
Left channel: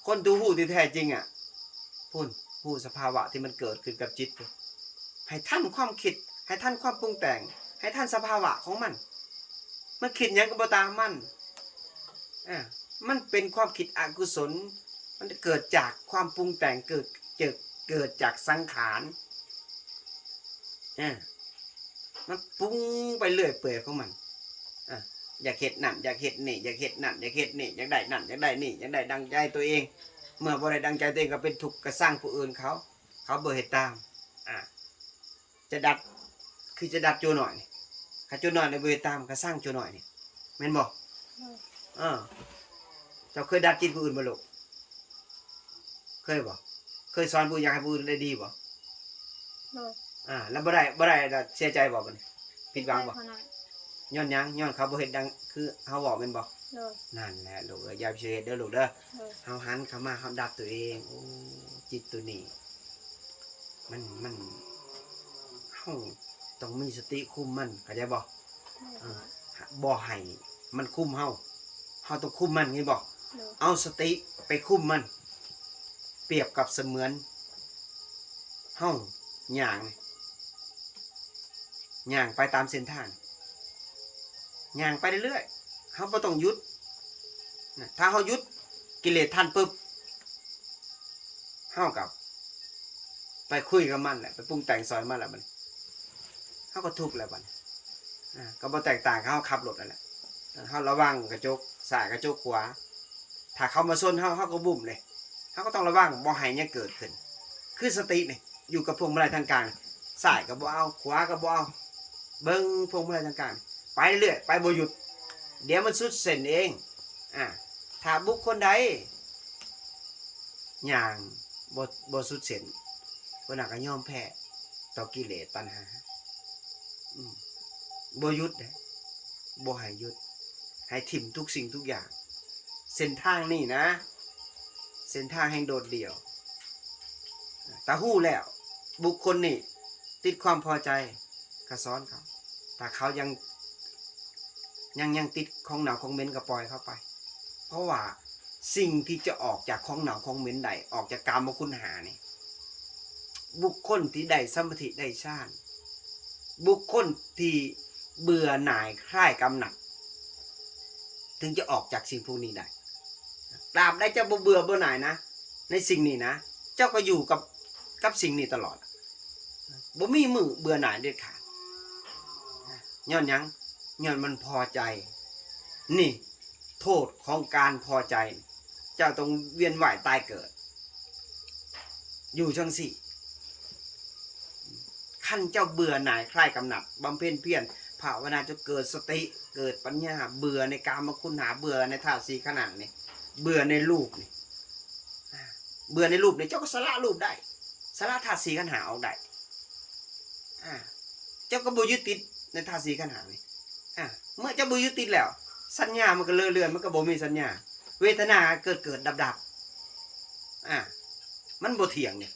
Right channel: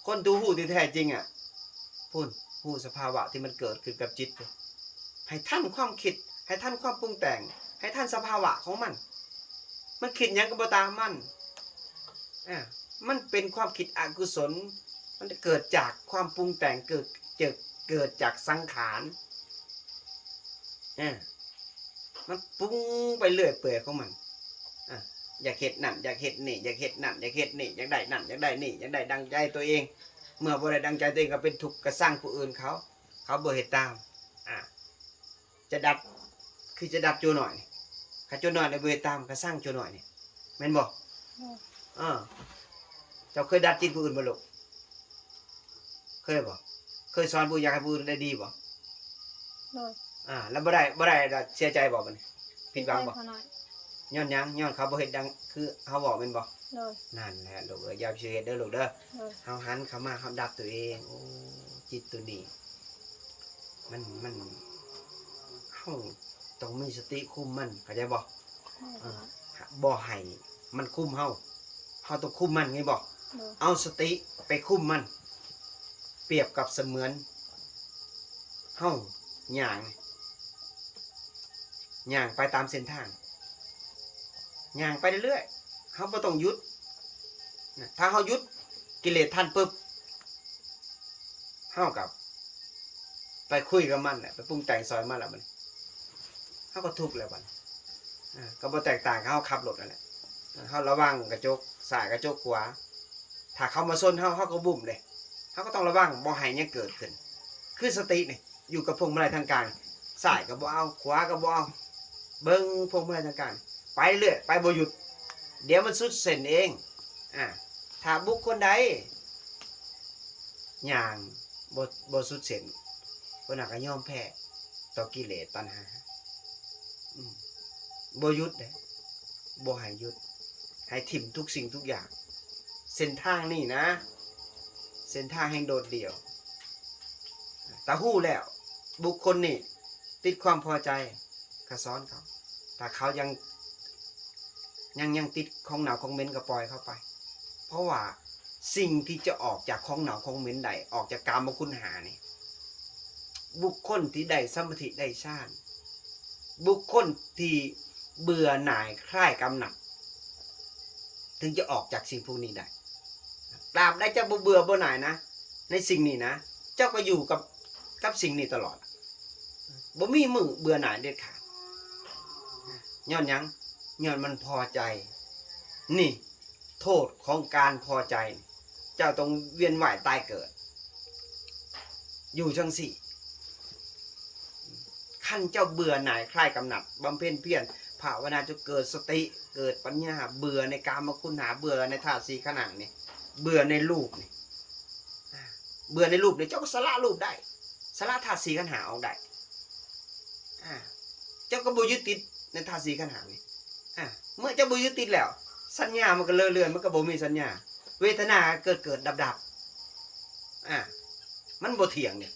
คนตัวหูที่แท้จริงพุ่นหูสภาวะที่มันเกิดขึ้นกับจิตให้ท่านความคิดให้ท่านความปรุงแต่งให้ท่านสภาวะของมันคิดหยังก็บ่ตามมันเป็นความคิดอกุศลมันเกิดจากความปรุงแต่งเกิดจากสังขารมันปรุงไปเรื่อยเปื่อยของมันอยากเฮ็ดนั่นอยากเฮ็ดนี่อยากเฮ็ดนั่นอยากเฮ็ดนี่อยากได้นั่นอยากได้นี่อยากได้ดังใจตัวเองเมื่อบ่ได้ดังใจตัวเองก็เป็นทุกข์ก็สร้างผู้อื่นเขาบ่เฮ็ดตามจะดัดคือจะดัดโจหน่อยถ้าโจหน่อยในบ่เฮ็ดตามก็สร้างโจหน่อยนี่แม่นบ่เจ้าเคยดัดจิตผู้อื่นบ่ลูกเคยบ่เคยสอนผู้อยากให้ผู้อื่นได้ดีบ่แล้วบ่ได้เสียใจบ่บัดนี้ผิดหวังบ่ย้อนหยังย้อนเขาบ่เฮ็ดดังคือเฮาบอกแม่นบ่นั่นแหละลูกอย่าไปเฮ็ดเด้อลูกเด้อเฮาหันเข้ามาเฮาดับตัวเองโอ้จิตตัวนี้มันเฮาต้องมีสติคุมมันเข้าใจบ่บ่ให้มันคุมเฮาต้องคุมมันไงบ่เอาสติไปคุมมันเปรียบกับเสมือนเฮาย่างนี่ย่างไปตามเส้นทางย่างไปเรื่อยๆเฮาบ่ต้องหยุดถ้าเฮาหยุดกิเลสทันปึ๊บเฮากับไปคุยกับมันแหละไปปรุงแต่งซอยมันแหละมันเฮาก็ทุกข์แล้วบัดก็บ่แตกต่างกับเฮาขับรถนั่นแหละเฮาระวังกระจกซ้ายกระจกขวาถ้าเขามาชนเฮาก็บุ่มเลยเฮาก็ต้องระวังบ่ให้หยังเกิดขึ้นคือสตินี่อยู่กับพวงมาลัยทางกลางซ้ายก็บ่เอาขวาก็บ่เอา เบิ่งพวงมาลัยต่างๆไปเรื่อยไปบ่หยุดเดี๋ยวมันสุดเส้นเองถ้าบุคคลใดอย่างบ่สุดเส้นคนนั้นก็ยอมแพ้ต่อกิเลสตัณหาบ่หยุดเด้บ่ให้หยุดให้ถิ่มทุกสิ่งทุกอย่างเส้นทางนี่นะเส้นทางแห่งโดดเดี่ยวตาหู้แล้วบุคคลนี่ติดความพอใจก็สอนเขาแต่เขายังติดของหนาวของเหม็นก็ปล่อยเข้าไป เพราะว่าสิ่งที่จะออกจากของหนาวของเหม็นใดออกจากกามคุณหานี่บุคคลที่ได้สมาธิได้ฌานบุคคลที่เบื่อหน่ายคลายกำหนัดถึงจะออกจากสิ่งพวกนี้ได้ตราบใดเจ้าบ่เบื่อบ่หน่ายนะในสิ่งนี้นะเจ้าก็อยู่กับสิ่งนี้ตลอดบ่มีมือเบื่อหน่ายเด็ดขาดย้อนยังย้อนมันพอใจนี่โทษของการพอใจเจ้าต้องเวียนว่ายตายเกิดอยู่จังสี่ขั้นเจ้าเบื่อหน่ายคลายกำหนัดบำเพ็ญเพียรภาวนาจะเกิดสติเกิดปัญญาเบื่อในกามคุณหาเบื่อในธาตุสี่ขนาดนี่เบื่อในรูปนี่เบื่อในรูปนี่เจ้าก็สละรูปได้สละธาตุสี่ขันธ์หาออกได้เจ้าก็บ่ยึดติดในธาตุสี่ขันธ์หานี่เมื่อเจ้าบ่ยึดติดแล้วสัญญามันก็เลื่อนมันก็บ่มีสัญญาเวทนาเกิดดับมันบ่เที่ยงเนี่ย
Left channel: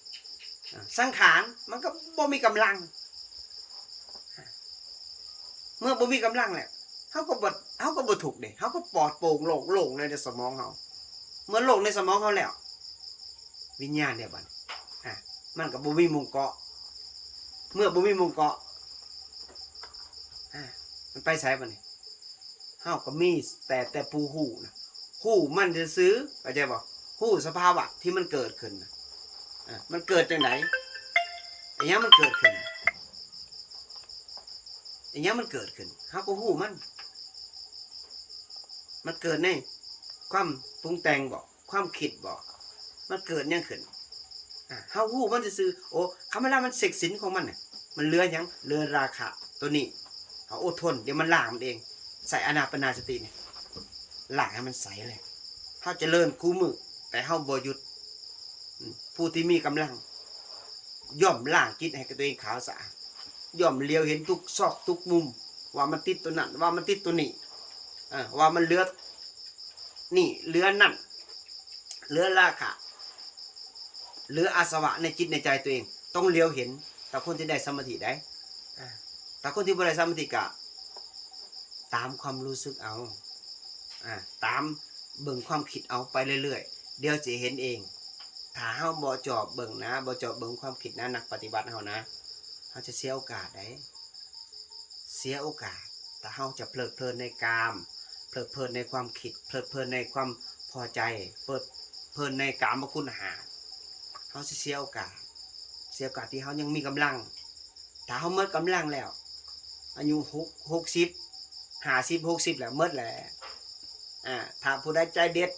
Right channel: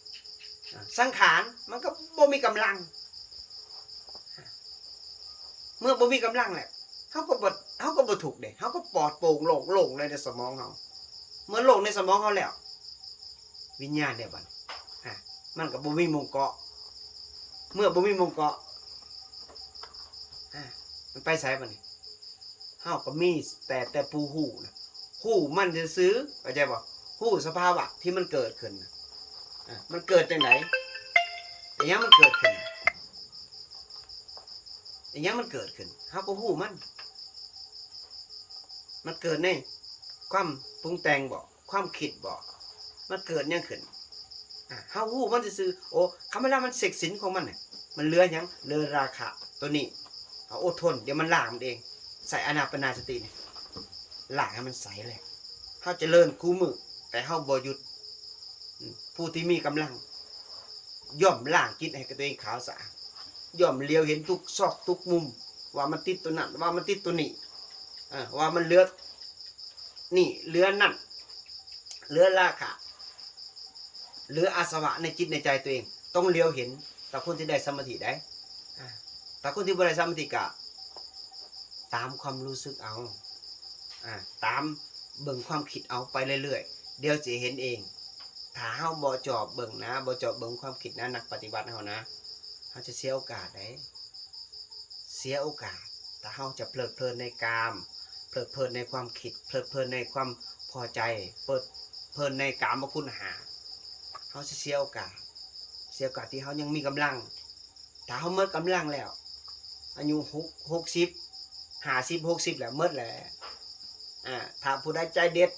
สังขารมันก็บ่มีกำลังเมื่อบ่มีกำลังแล้วเฮาก็บ่ถูกเด้เฮาก็ปลอดโปร่งโล่งเลยในสมองเฮาเมื่อโล่งในสมองเฮาแล้ววิญญาณเนี่ยบัดมันก็บ่มีมุงเกาะเมื่อบ่มีมุงเกาะมันไปไสบัดนี้เฮาก็มีแต่ผู้ฮู้นะฮู้มันซื่อเข้าใจบ่ฮู้สภาวะที่มันเกิดขึ้นนะมันเกิดจังได๋อันนี้มันเกิดขึ้นอันนี้มันเกิดขึ้นเฮาก็ฮู้มันเกิดในความปรุงแต่งบ่ความคิดบ่มันเกิดยังขึ้นเฮาฮู้มันซื่อโอ้คำเวลามันเสกสินของมันน่ะมันเหลือหยังเหลือราคะตัวนี้เฮาอดทนเดี๋ยวมันล้างมันเองใส่อานาปานสตินี่ล้างให้มันใสเลยเฮาเจริญคู่มือแต่เฮาบ่หยุดผู้ที่มีกำลังย่อมล้างจิตให้กับตัวเองขาวสะอาดย่อมเลียวเห็นทุกซอกทุกมุมว่ามันติดตัวนั้นว่ามันติดตัวนี้ว่ามันเหลือนี่เหลือนั่นเหลือราคะเหลืออาสวะในจิตในใจตัวเองต้องเลียวเห็นแต่คนที่ได้สมาธิได้แต่คนที่บ่ได้สมาธิกะตามความรู้สึกเอาตามเบิ่งความคิดเอาไปเรื่อยๆเดี๋ยวจะเห็นเองถ้าเฮาบ่จอบเบิ่งนะบ่จอบเบิ่งความคิดนะนักปฏิบัติเฮานะเฮาจะเสียโอกาสได้เสียโอกาสแต่เฮาจะเพลิดเพลินในกามเพลิดเพลินในความคิดเพลิดเพลินในความพอใจเพลินในกามคุณหาเฮาจะเสียโอกาสที่เฮายังมีกำลังถ้าเฮาหมดกำลังแล้วอายุ60 50 60แล้วหมดแล้วถ้าผู้ใดใจเด็ด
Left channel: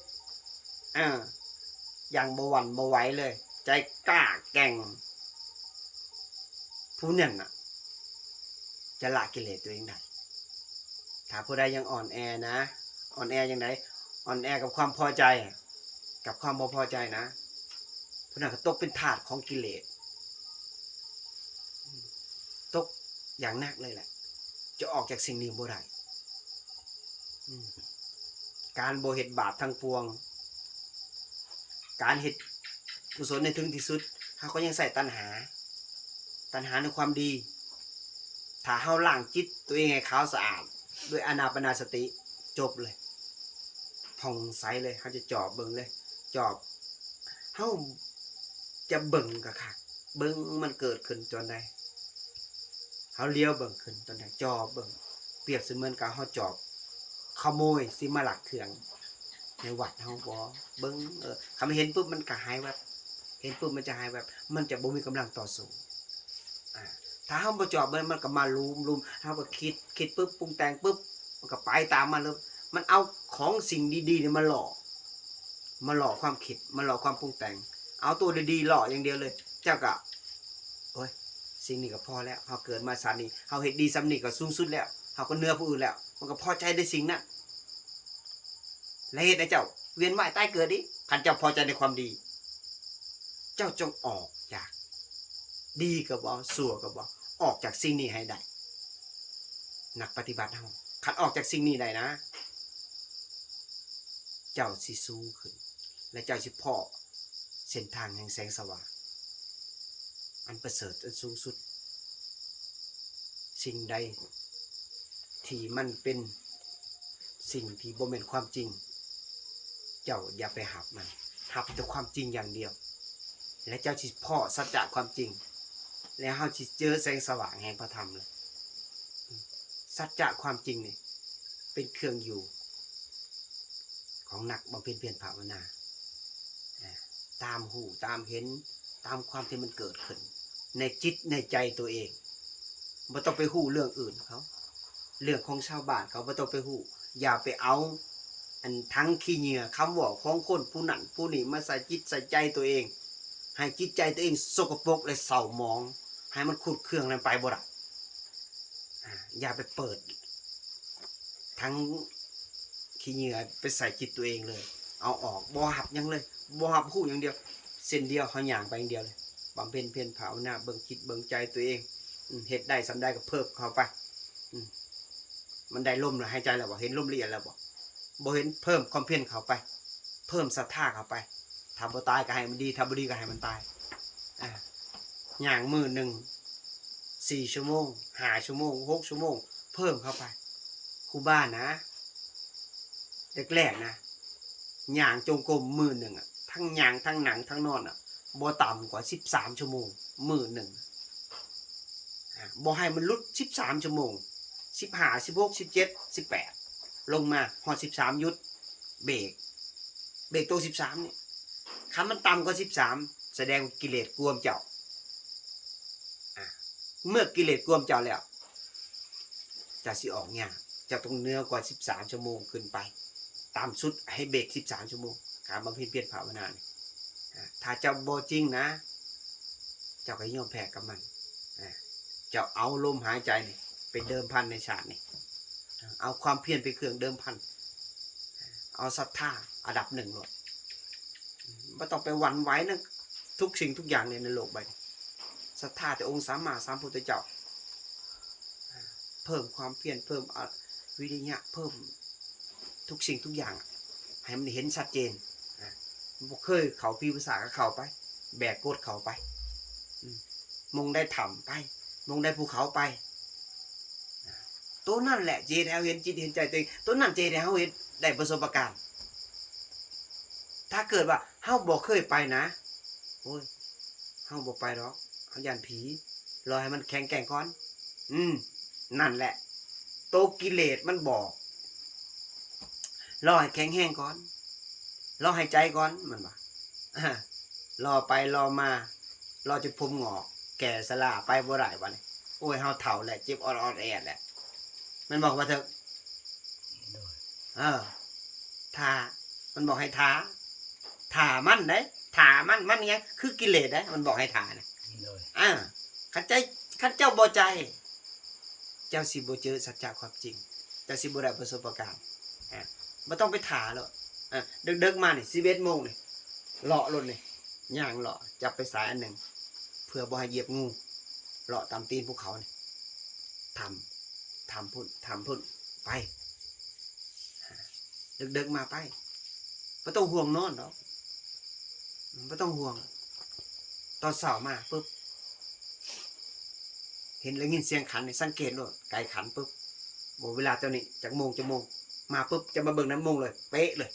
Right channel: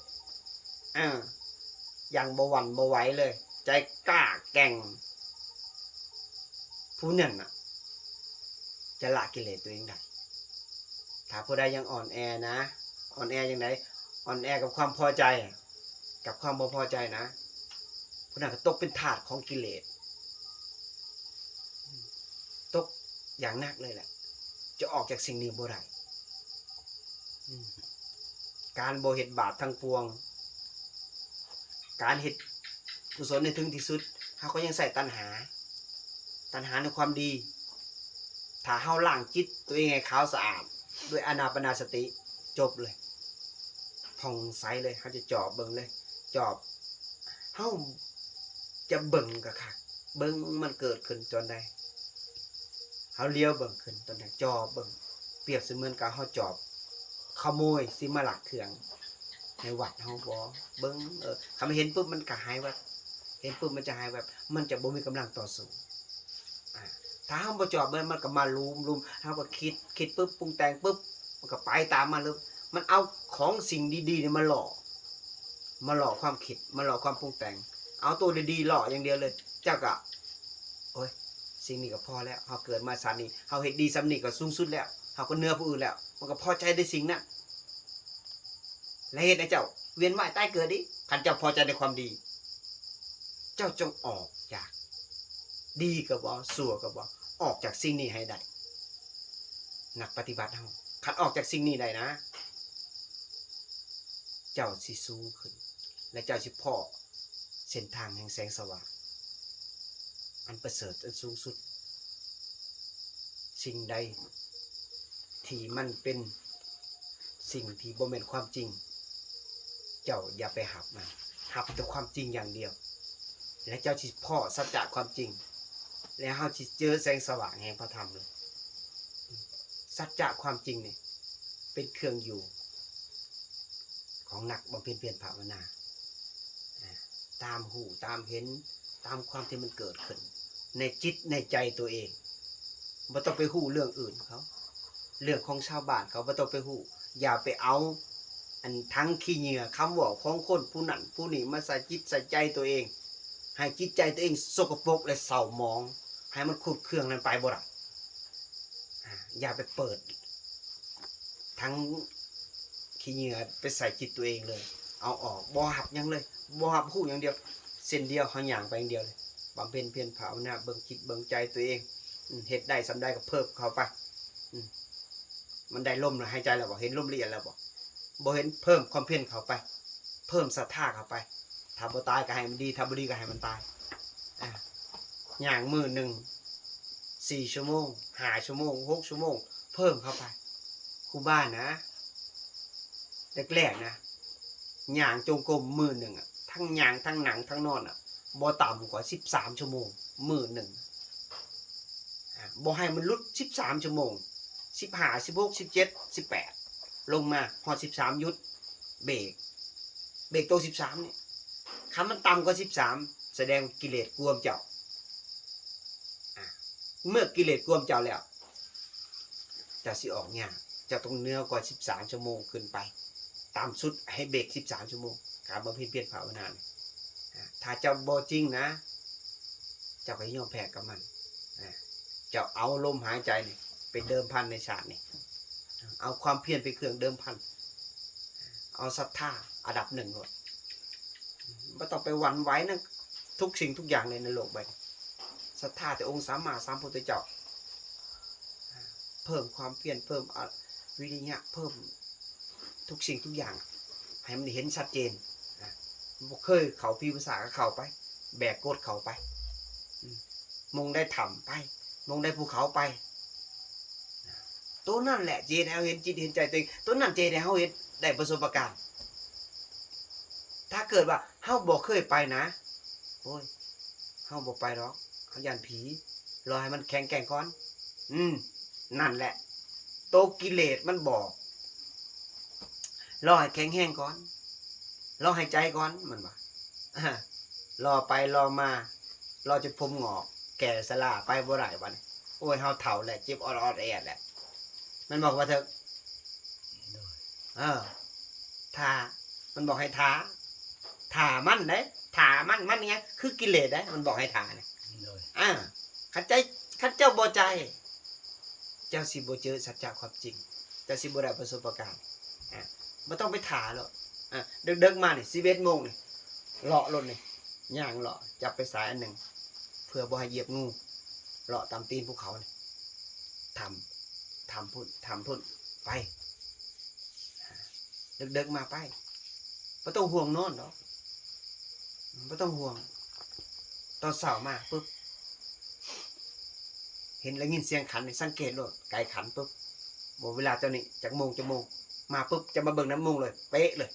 อย่างบ่หวั่นบ่ไหวเลยใจกล้าแกร่งผู้นั้นน่ะจะละกิเลสตัวเองได้ถ้าผู้ใดยังอ่อนแอนะอ่อนแออย่างไรอ่อนแอกับความพอใจกับความบ่พอใจนะผู้นั้นก็ตกเป็นทาสของกิเลสตกอย่างหนักเลยแหละจะออกจากสิ่งนี้บ่ได้การบ่เฮ็ดบาปทั้งปวงการเฮ็ดกุศลในถึงที่สุดเฮาก็ยังใส่ตัณหาในความดีถ้าเฮาล้างจิตตัวเองให้ขาวสะอาดด้วยอานาปานสติจบเลยผ่องใสเลยเฮาจะจอบเบิ่งเลยจอบเฮาจะเบิ่งกะคักเบิ่งมันเกิดขึ้นจนได้เฮาเลี้ยวเบิ่งขึ้นตอนได้จอบเบิ่งเปรียบเสมือนกับเฮาจอบขโมยสิมาลักเครื่องในวัดเฮาบ่เบิ่งคำเห็นปุ๊บมันก็หายแวบเห็นปุ๊บมันจะหายแวบมันจะบ่มีกำลังต่อสู้ถ้าเฮาบ่จอบมันก็มาลุมเฮาก็คิดปุ๊บปรุงแต่งปุ๊บมันก็ไปตามมันเลยมันเอาของสิ่งดีๆเนี่ยมาหล่อความคิดมาหล่อความปรุงแต่งเอาตัวดีๆหล่ออย่างเดียวเลยเจ้าก็โอ้ย สิ่งนี้ก็พอแล้วเฮาเกิดมาชาตินี้เฮาเฮ็ดดีสำนี้ก็สูงสุดแล้วเฮาก็เหนือผู้อื่นแล้วมันก็พอใจในสิ่งนั้นและเฮ็ดให้เจ้าเวียนว่ายตายเกิดดิคันเจ้าพอใจในความดี เจ้าจงออกจากดีก็บ่ชั่วก็บ่ออกจากสิ่งนี้ให้ได้นักปฏิบัติเฮาคันออกจากสิ่งนี้ได้นะเจ้าสิสูงขึ้นและเจ้าสิพอเส้นทางแห่งแสงสว่างอันประเสริฐอันสูงสุดสิ่งใดที่มันเป็นสิ่งที่บ่แม่นความจริงเจ้าอย่าไปหับมันหับแต่ความจริงอย่างเดียวและเจ้าสิพอสัจจะความจริงแล้วเฮาสิเจอแสงสว่างแห่งพระธรรมเลยสัจจะความจริงนี่เป็นเครื่องอยู่ของนักบำเพ็ญเพียรภาวนาตามหูตามเห็นตามความที่มันเกิดขึ้นในจิตในใจตัวเองบ่ต้องไปหู้เรื่องอื่นเขาเรื่องของชาวบ้านเขาบ่ต้องไปหู้อย่าไปเอาอันทั้งขี้เหงื่อคำว่าของคนผู้นั้นผู้นี้มาใส่จิตใส่ใจตัวเองให้จิตใจตัวเองสกปรกและเศร้าหมองให้มันขุดเครื่องนั้นไปบ่ได้อย่าไปเปิดทั้งขี้เหงื่อไปใส่จิตตัวเองเลยเอาออกบ่หับยังเลยบ่หับหู้อย่างเดียวเส้นเดียวเฮาย่างไปอย่างเดียวเลยบำเพ็ญเพียรภาวนาเบิ่งจิตเบิ่งใจตัวเองเฮ็ดได้สำได้ก็เพิ่มเข้าไปมันได้ลมแล้วหายใจแล้วบ่เห็นลมละเอียดแล้วบ่เห็นเพิ่มความเพียรเข้าไปเพิ่มศรัทธาเข้าไปถ้าบ่ตายก็ให้มันดีถ้าบ่ดีก็ให้มันตายย่างมื้อนึง4 ชั่วโมง5 ชั่วโมง6 ชั่วโมงเพิ่มเข้าไปครูบ้านนะแรกๆนะย่างจงกรมมื้อนึงทั้งย่างทั้งหนังทั้งนอนบ่ต่ำกว่า13 ชั่วโมงมื้อนึงบ่ให้มันหลุด13 ชั่วโมง15 16 17 18ลงมาฮอด13หยุดเบรกตัว13นี่คันมันต่ำกว่า13แสดงว่ากิเลสกวมเจ้าเมื่อกิเลสกวมเจ้าแล้วจะสิออกยากเจ้าต้องเหนือกว่า13 ชั่วโมงขึ้นไปตามสุดให้เบรก13 ชั่วโมงการบำเพ็ญเพียรภาวนานี่ถ้าเจ้าบ่จริงนะเจ้าก็ยอมแพ้กับมันเจ้าเอาลมหายใจนี่เป็นเดิมพันในชาตินี่เอาความเพียรเป็นเครื่องเดิมพันเอาศรัทธาอันดับ1เลยไม่ต้องไปหวั่นไหวนะทุกสิ่งทุกอย่างในโลกใบนี้ศรัทธาแต่องค์สัมมาสัมพุทธเจ้าเพิ่มความเพียรเพิ่มวิริยะเพิ่มทุกสิ่งทุกอย่างให้มันเห็นชัดเจนบ่เคยเขาพิภาษาก็เข้าไปแบกกดเข้าไปมงได้ถ่ำไปมงได้ภูเขาไปตัวนั่นแหละเจนเห็นจิตเห็นใจตัวเองตัวนั่นเจนเห็นได้ประสบการณ์ถ้าเกิดว่าเฮาบ่เคยไปนะโอ้ยเฮาบ่ไปหรอกเฮาย่านผีรอให้มันแข็งแกร่งก่อนนั่นแหละโตกิเลสมันบอกรอให้แข็งแห้งก่อนรอให้ใจก่อนมันว่ารอไปรอมารอจนผมงอกแก่สลาไปบ่ได้บัดนี้โอ้ยเฮาเฒ่าแหละเจ็บออดๆแอดแหละมันบอกว่าเถอะท่ามันบอกให้ท่ามันเด้ท่ามันยังคือกิเลสเด้มันบอกให้ท่านะคันเจ้าบ่ใจเจ้าสิบ่เจอสัจจะความจริงเจ้าสิบ่ได้ประสบการณ์บ่ต้องไปท่าหรอกดึกๆมานี่11 โมงนี่เลาะรถนี่ย่างเลาะจับไปสายอันหนึ่งเพื่อบ่ให้เหยียบงูเลาะตามตีนภูเขานี่ทำพุ่นไปดึกๆมาไปไม่ต้องห่วงนอนหรอกไม่ต้องห่วงตอนเช้ามาปุ๊บเห็นแล้วยินเสียงขันนี่สังเกตด้วยไก่ขันปุ๊บบอกเวลาเจ้านี่จากโมงมาปุ๊บจะมาเบิ่งน้ำโมงเลยเป๊ะเลย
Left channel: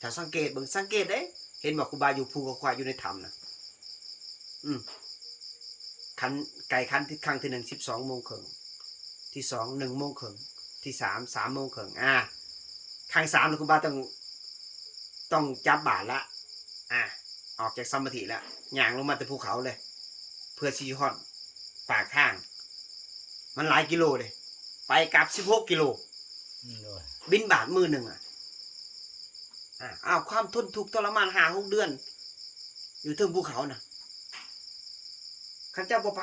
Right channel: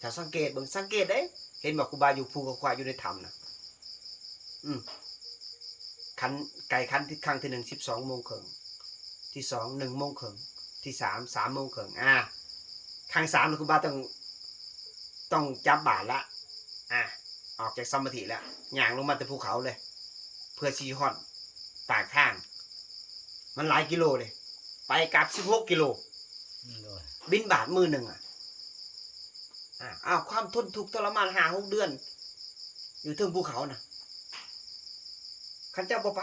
ถ้าสังเกตเบิ่งสังเกตได้เห็นบอกครูบาอยู่ภูเขาควายอยู่ในถ้ำนะขันไก่ขันที่ครั้งที่1 12 โมงครึ่งที่2 1 โมงครึ่งที่3 3 โมงครึ่งครั้ง3ครูบาต้องจับบาทละออกจากสมาธิแล้วย่างลงมาจากภูเขาเลยเพื่อชี้ฮอดปากทางมันหลายกิโลเลยไปกลับ16 กิโลบินบาทมือหนึ่งความทนทุกข์ทรมาน5-6 เดือนอยู่ถึงภูเขานะขันเจ้าบ่ไป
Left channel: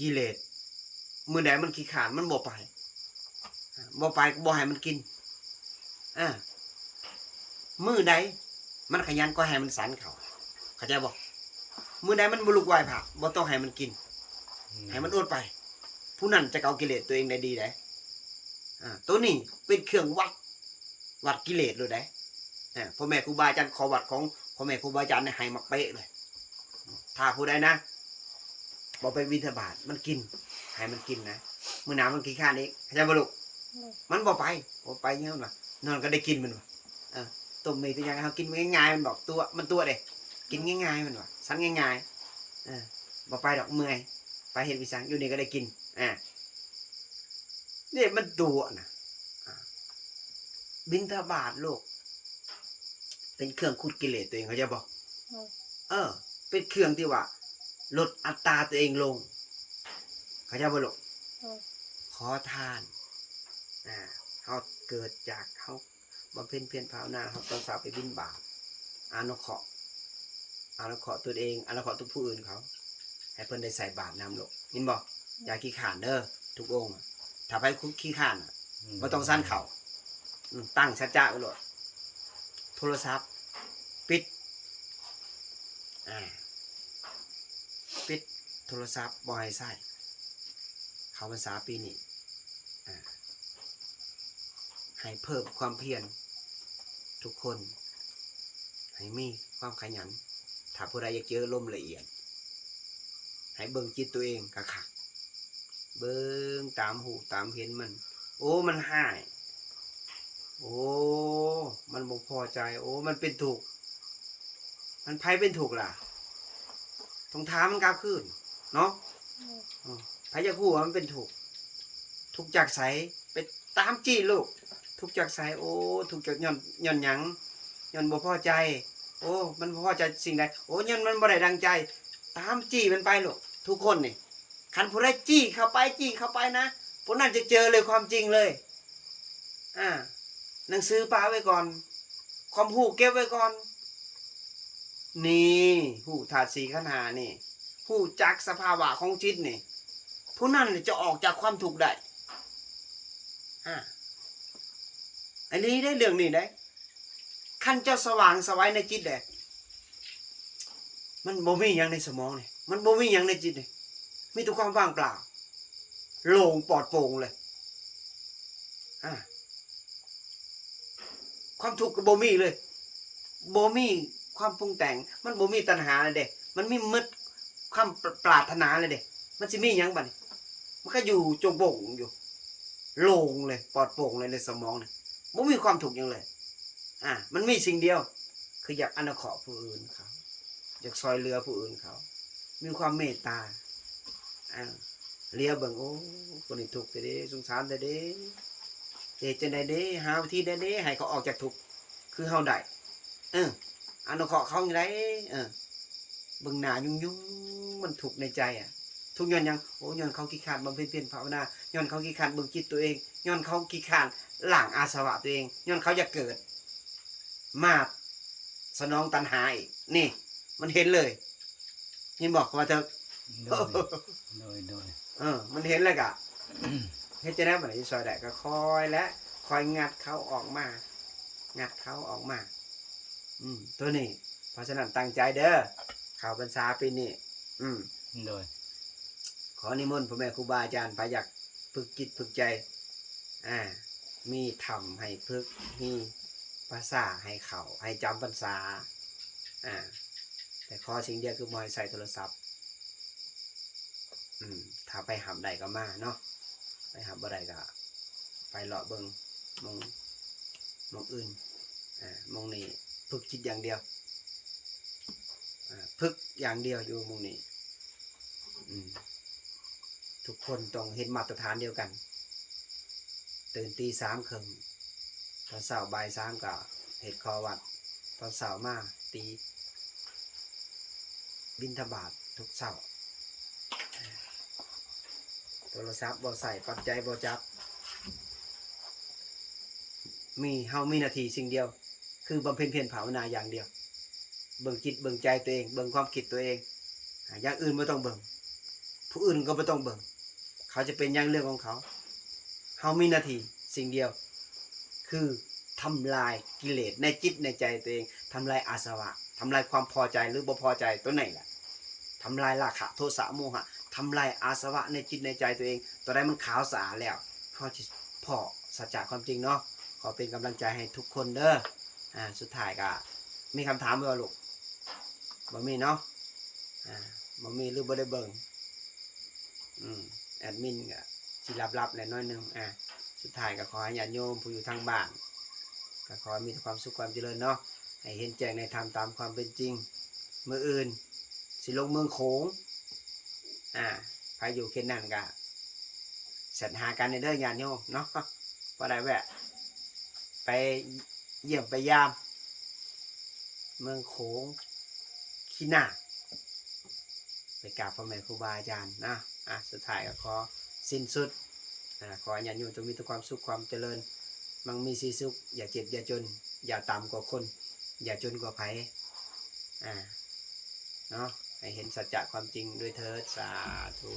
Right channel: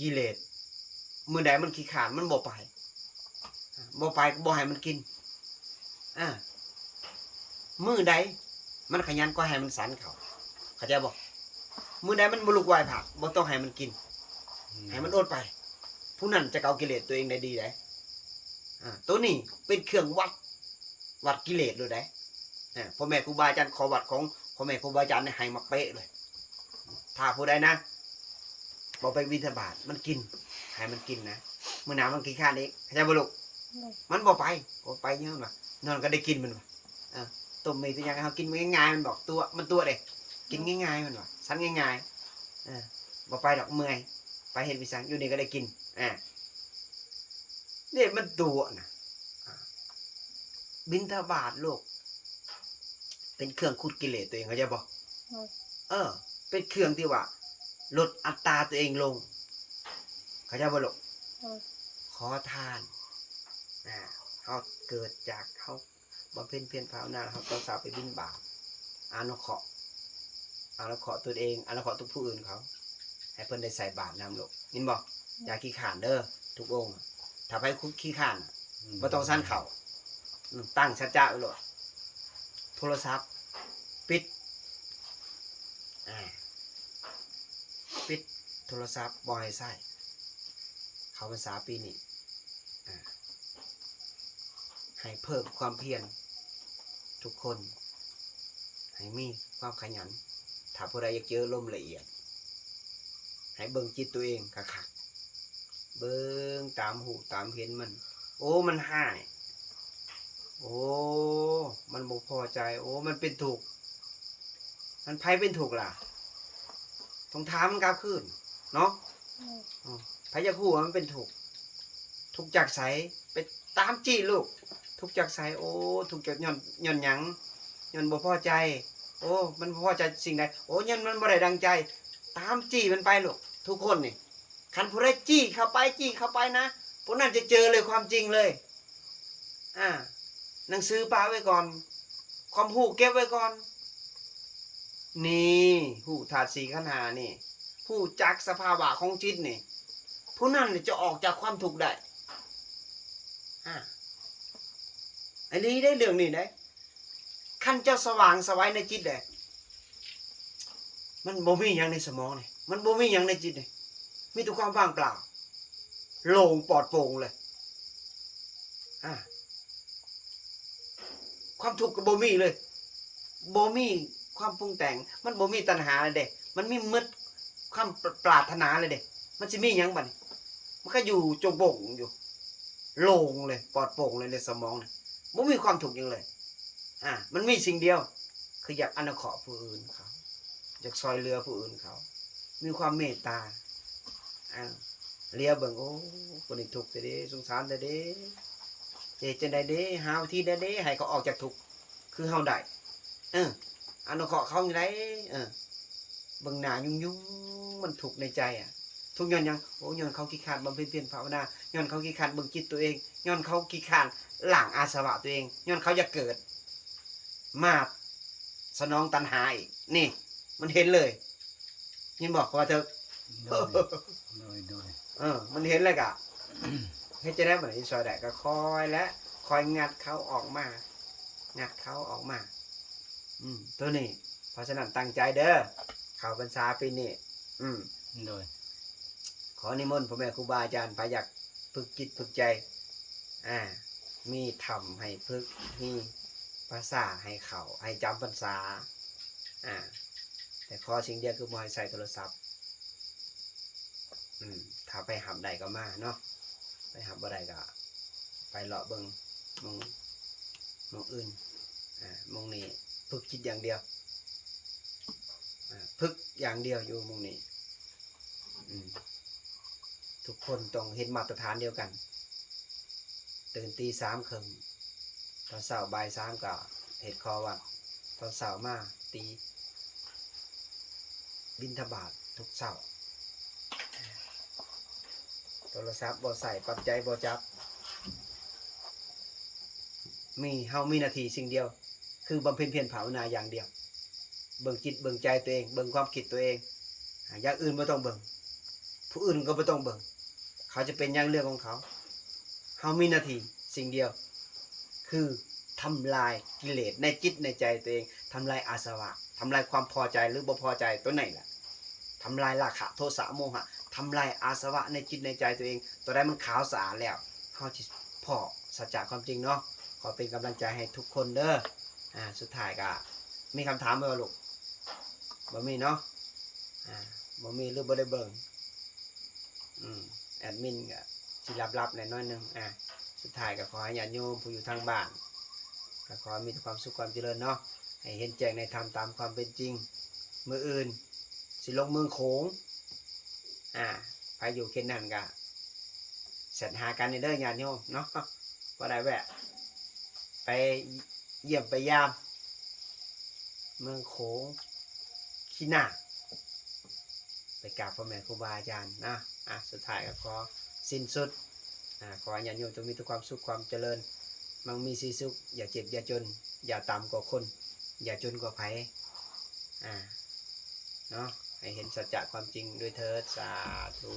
กิเลสมื้อใดมันขี้ขลาดมันบ่ไปบ่ไปก็บ่ให้มันกินมื้อใดมันขยันก็ให้มันสันเขาเข้าใจบ่มื้อใดมันบ่ลุกไหว้พระบ่ต้องให้มันกินให้มันอดไปผู้นั้นจะเอากิเลสตัวเองได้ดีได้ตัวนี้เป็นเครื่องวัดกิเลสเลยได้พ่อแม่ครูบาอาจารย์ขอวัดของพ่อแม่ครูบาอาจารย์ให้มาเป๊ะเลยถ้าผู้ใดนะบ่ไปบิณฑบาตมันกินให้มันกินนะมื้อหน้ามันกินข้าวเองเข้าใจบ่ลูกมันบ่ไปเยอะว่ะนอนก็ได้กินมันว่ะต้มมีตัวอย่างเฮากินง่ายๆมันบอกตัวเด้กินง่ายๆมันว่ะสันง่ายๆบ่ไปดอกเมื่อยไปเฮ็ดวิสังอยู่นี่ก็ได้กินนี่มันตัวนะบิณฑบาตโลกเป็นเครื่องขุดกิเลสตัวเองเขาจะบอกเป็นเครื่องที่ว่าลดอัตราตัวเองลงเขาจะบอกขอทานเขาเกิดจากเขาบำเพ็ญเพียรภาวนาเขาต้องสาวไปบิณฑบาตอนุเคราะห์ตัวเองอนุเคราะห์ทุกผู้อื่นเขาให้เพิ่นได้ใส่บาตรนำโลกยินบอกอย่าขี้ข่านเด้อทุกองค์ถ้าไปขี้ข่านบ่ต้องสั้นเข่าตั้งชัดจ้าไว้เลยโทรศัพท์ปิดโทรศัพท์บ่ให้ใช้เข้าพรรษาปีนี้ให้เพิ่มความเพียรทุกคนให้มีความขยันถ้าผู้ใดอยากเจอลมละเอียดให้เบิ่งจิตตัวเองคักๆเบิ่งตามหูตามเห็นมันโอ้มันหายโอ้มันบ่พอใจโอ้มันเป็นถูกมันไผเป็นถูกล่ะต้องถามมันกลับคืนเนาะไผจะฮู้ว่ามันเป็นถูกทุกจากไสไปตามจี้ลูกทุกจากไสโอ้ทุกจากย้อนหยังย้อนบ่พอใจโอ้มันบ่พอใจสิ่งใดโอ้ย้อนมันบ่ได้ดังใจตามจี้มันไปลูกทุกคนนี่คันผู้ใดจี้เข้าไปนะผู้นั้นจะเจอเลยความจริงเลยหนังสือปาไว้ก่อนความหูเก็บไว้ก่อนนี่หูธาตุสี่ขันธ์ห้านี่หูจักสภาวะของจิตนี่ผู้นั้นจะออกจากความทุกข์ได้อันนี้ได้เรื่องนี้ได้ขั้นเจ้าสว่างสวัยในจิตได้มันบ่มีอย่างในสมองนี่มันบ่มีอย่างในจิตนี่มีแต่ความว่างเปล่าโล่งปลอดโปร่งเลยความทุกข์ก็บ่มีเลยบ่มีความปรุงแต่งมันบ่มีตัณหาเลยเด้มันมีมืดความปรารถนาเลยเด้มันสิมีหยังบัดนี้มันก็อยู่โจงโป่งอยู่โล่งเลยปลอดโปร่งเลยในสมองนี่บ่มีความทุกข์หยังเลยมันมีสิ่งเดียวคืออยากอนุเคราะห์ผู้อื่นเขาอยากช่วยเหลือผู้อื่นเขามีความเมตตาเลียเบิ่งโอ้คนนี้ทุกข์แต่เด้สงสารแต่เด้เฮ็ดจังได๋เด้หาวิธีได้เด้ให้เขาออกจากทุกข์คือเฮาได้อนุเคราะห์เขาจังได๋เบิ่งหน้ายุ่งๆมันทุกข์ในใจทุกข์ย้อนหยังโอ้ย้อนเขาขี้คร้านบำเพ็ญเพียรภาวนาย้อนเขาขี้คร้านเบิ่งจิตตัวเองย้อนเขาขี้คร้านล้างอาสวะตัวเองย้อนเขาอยากเกิดมาสนองตัณหาอีกนี่มันเห็นเลยเห็นบอกว่าเธอมันเห็นเลยกะเฮ็ดจะได้บ่ได้ซอยได้ก็คอยงัดเขาออกมาตัวนี้เพราะฉะนั้นตั้งใจเด้อเข้าพรรษาปีนี้ขอนิมนต์พ่อแม่ครูบาอาจารย์พาอยากฝึกจิตฝึกใจมีธรรมให้ฝึกมีภาษาให้เขาให้จำพรรษาแต่ขอสิ่งเดียวคือบ่ให้ใส่โทรศัพท์ถ้าไปหับใดก็มาเนาะไปหับบ่ได้ก็ไปเลาะเบิ่งมองอื่นมองนี้ฝึกจิตอย่างเดียวฝึกอย่างเดียวอยู่มองนี้ทุกคนต้องเห็นมาตรฐานเดียวกันตื่นตี 3:30ตอนเช้าบ่าย 3ก็เฮ็ดคอวัดตอนเช้ามาตีบิณฑบาตทุกเช้าโทรศัพท์บ่ใส่ปัจจัยบ่จับเฮามีหน้าที่สิ่งเดียวคือบำเพ็ญเพียรภาวนาอย่างเดียวเบิ่งจิตเบิ่งใจตัวเองเบิ่งความคิดตัวเองอย่างอื่นบ่ต้องเบิ่ง ผู้อื่นก็บ่ต้องเบิ่งเขาจะเป็นอย่างเรื่องของเขาเฮามีหน้าที่สิ่งเดียวคือทำลายกิเลสในจิตในใจตัวเองทำลายอาสวะทำลายความพอใจหรือบ่พอใจตัวไหนล่ะทำลายราคะโทสะโมหะทำลายอาสวะในจิตในใจตัวเองตัวใดมันขาวสะอาดแล้วเฮาสิพอสัจจะความจริงเนาะขอเป็นกำลังใจให้ทุกคนเด้อสุดท้ายก็มีคำถามบ่ลูกบ่มีเนาะบ่มีหรือบ่ได้เบิ่งแอดมินก็สิลับๆแหน่น้อยหนึงสุดท้ายก็ขอให้ญาติโยมผู้อยู่ทางบ้านก็ขอให้มีแต่ความสุขความเจริญเนาะให้เห็นแจ้งในธรรมตามความเป็นจริงมื้ออื่นสิลงเมืองโขงใครอยู่เขตนั้นก็แสดหากันในเด้อญาติโยมเนาะบ่ได้แวะไปเยี่ยมไปยามเมืองโขงขี้หน้าไปกราบพ่อแม่ครูบาอาจารย์นะสุดท้ายก็ขอสิ้นสุดขอให้ญาติโยมจงมีแต่ความสุขความเจริญมั่งมีสีสุขอย่าเจ็บอย่าจนอย่าต่ำกว่าคนอย่าจนกว่าไผเนาะให้เห็นสัจจะความจริงด้วยเถิดสาธุ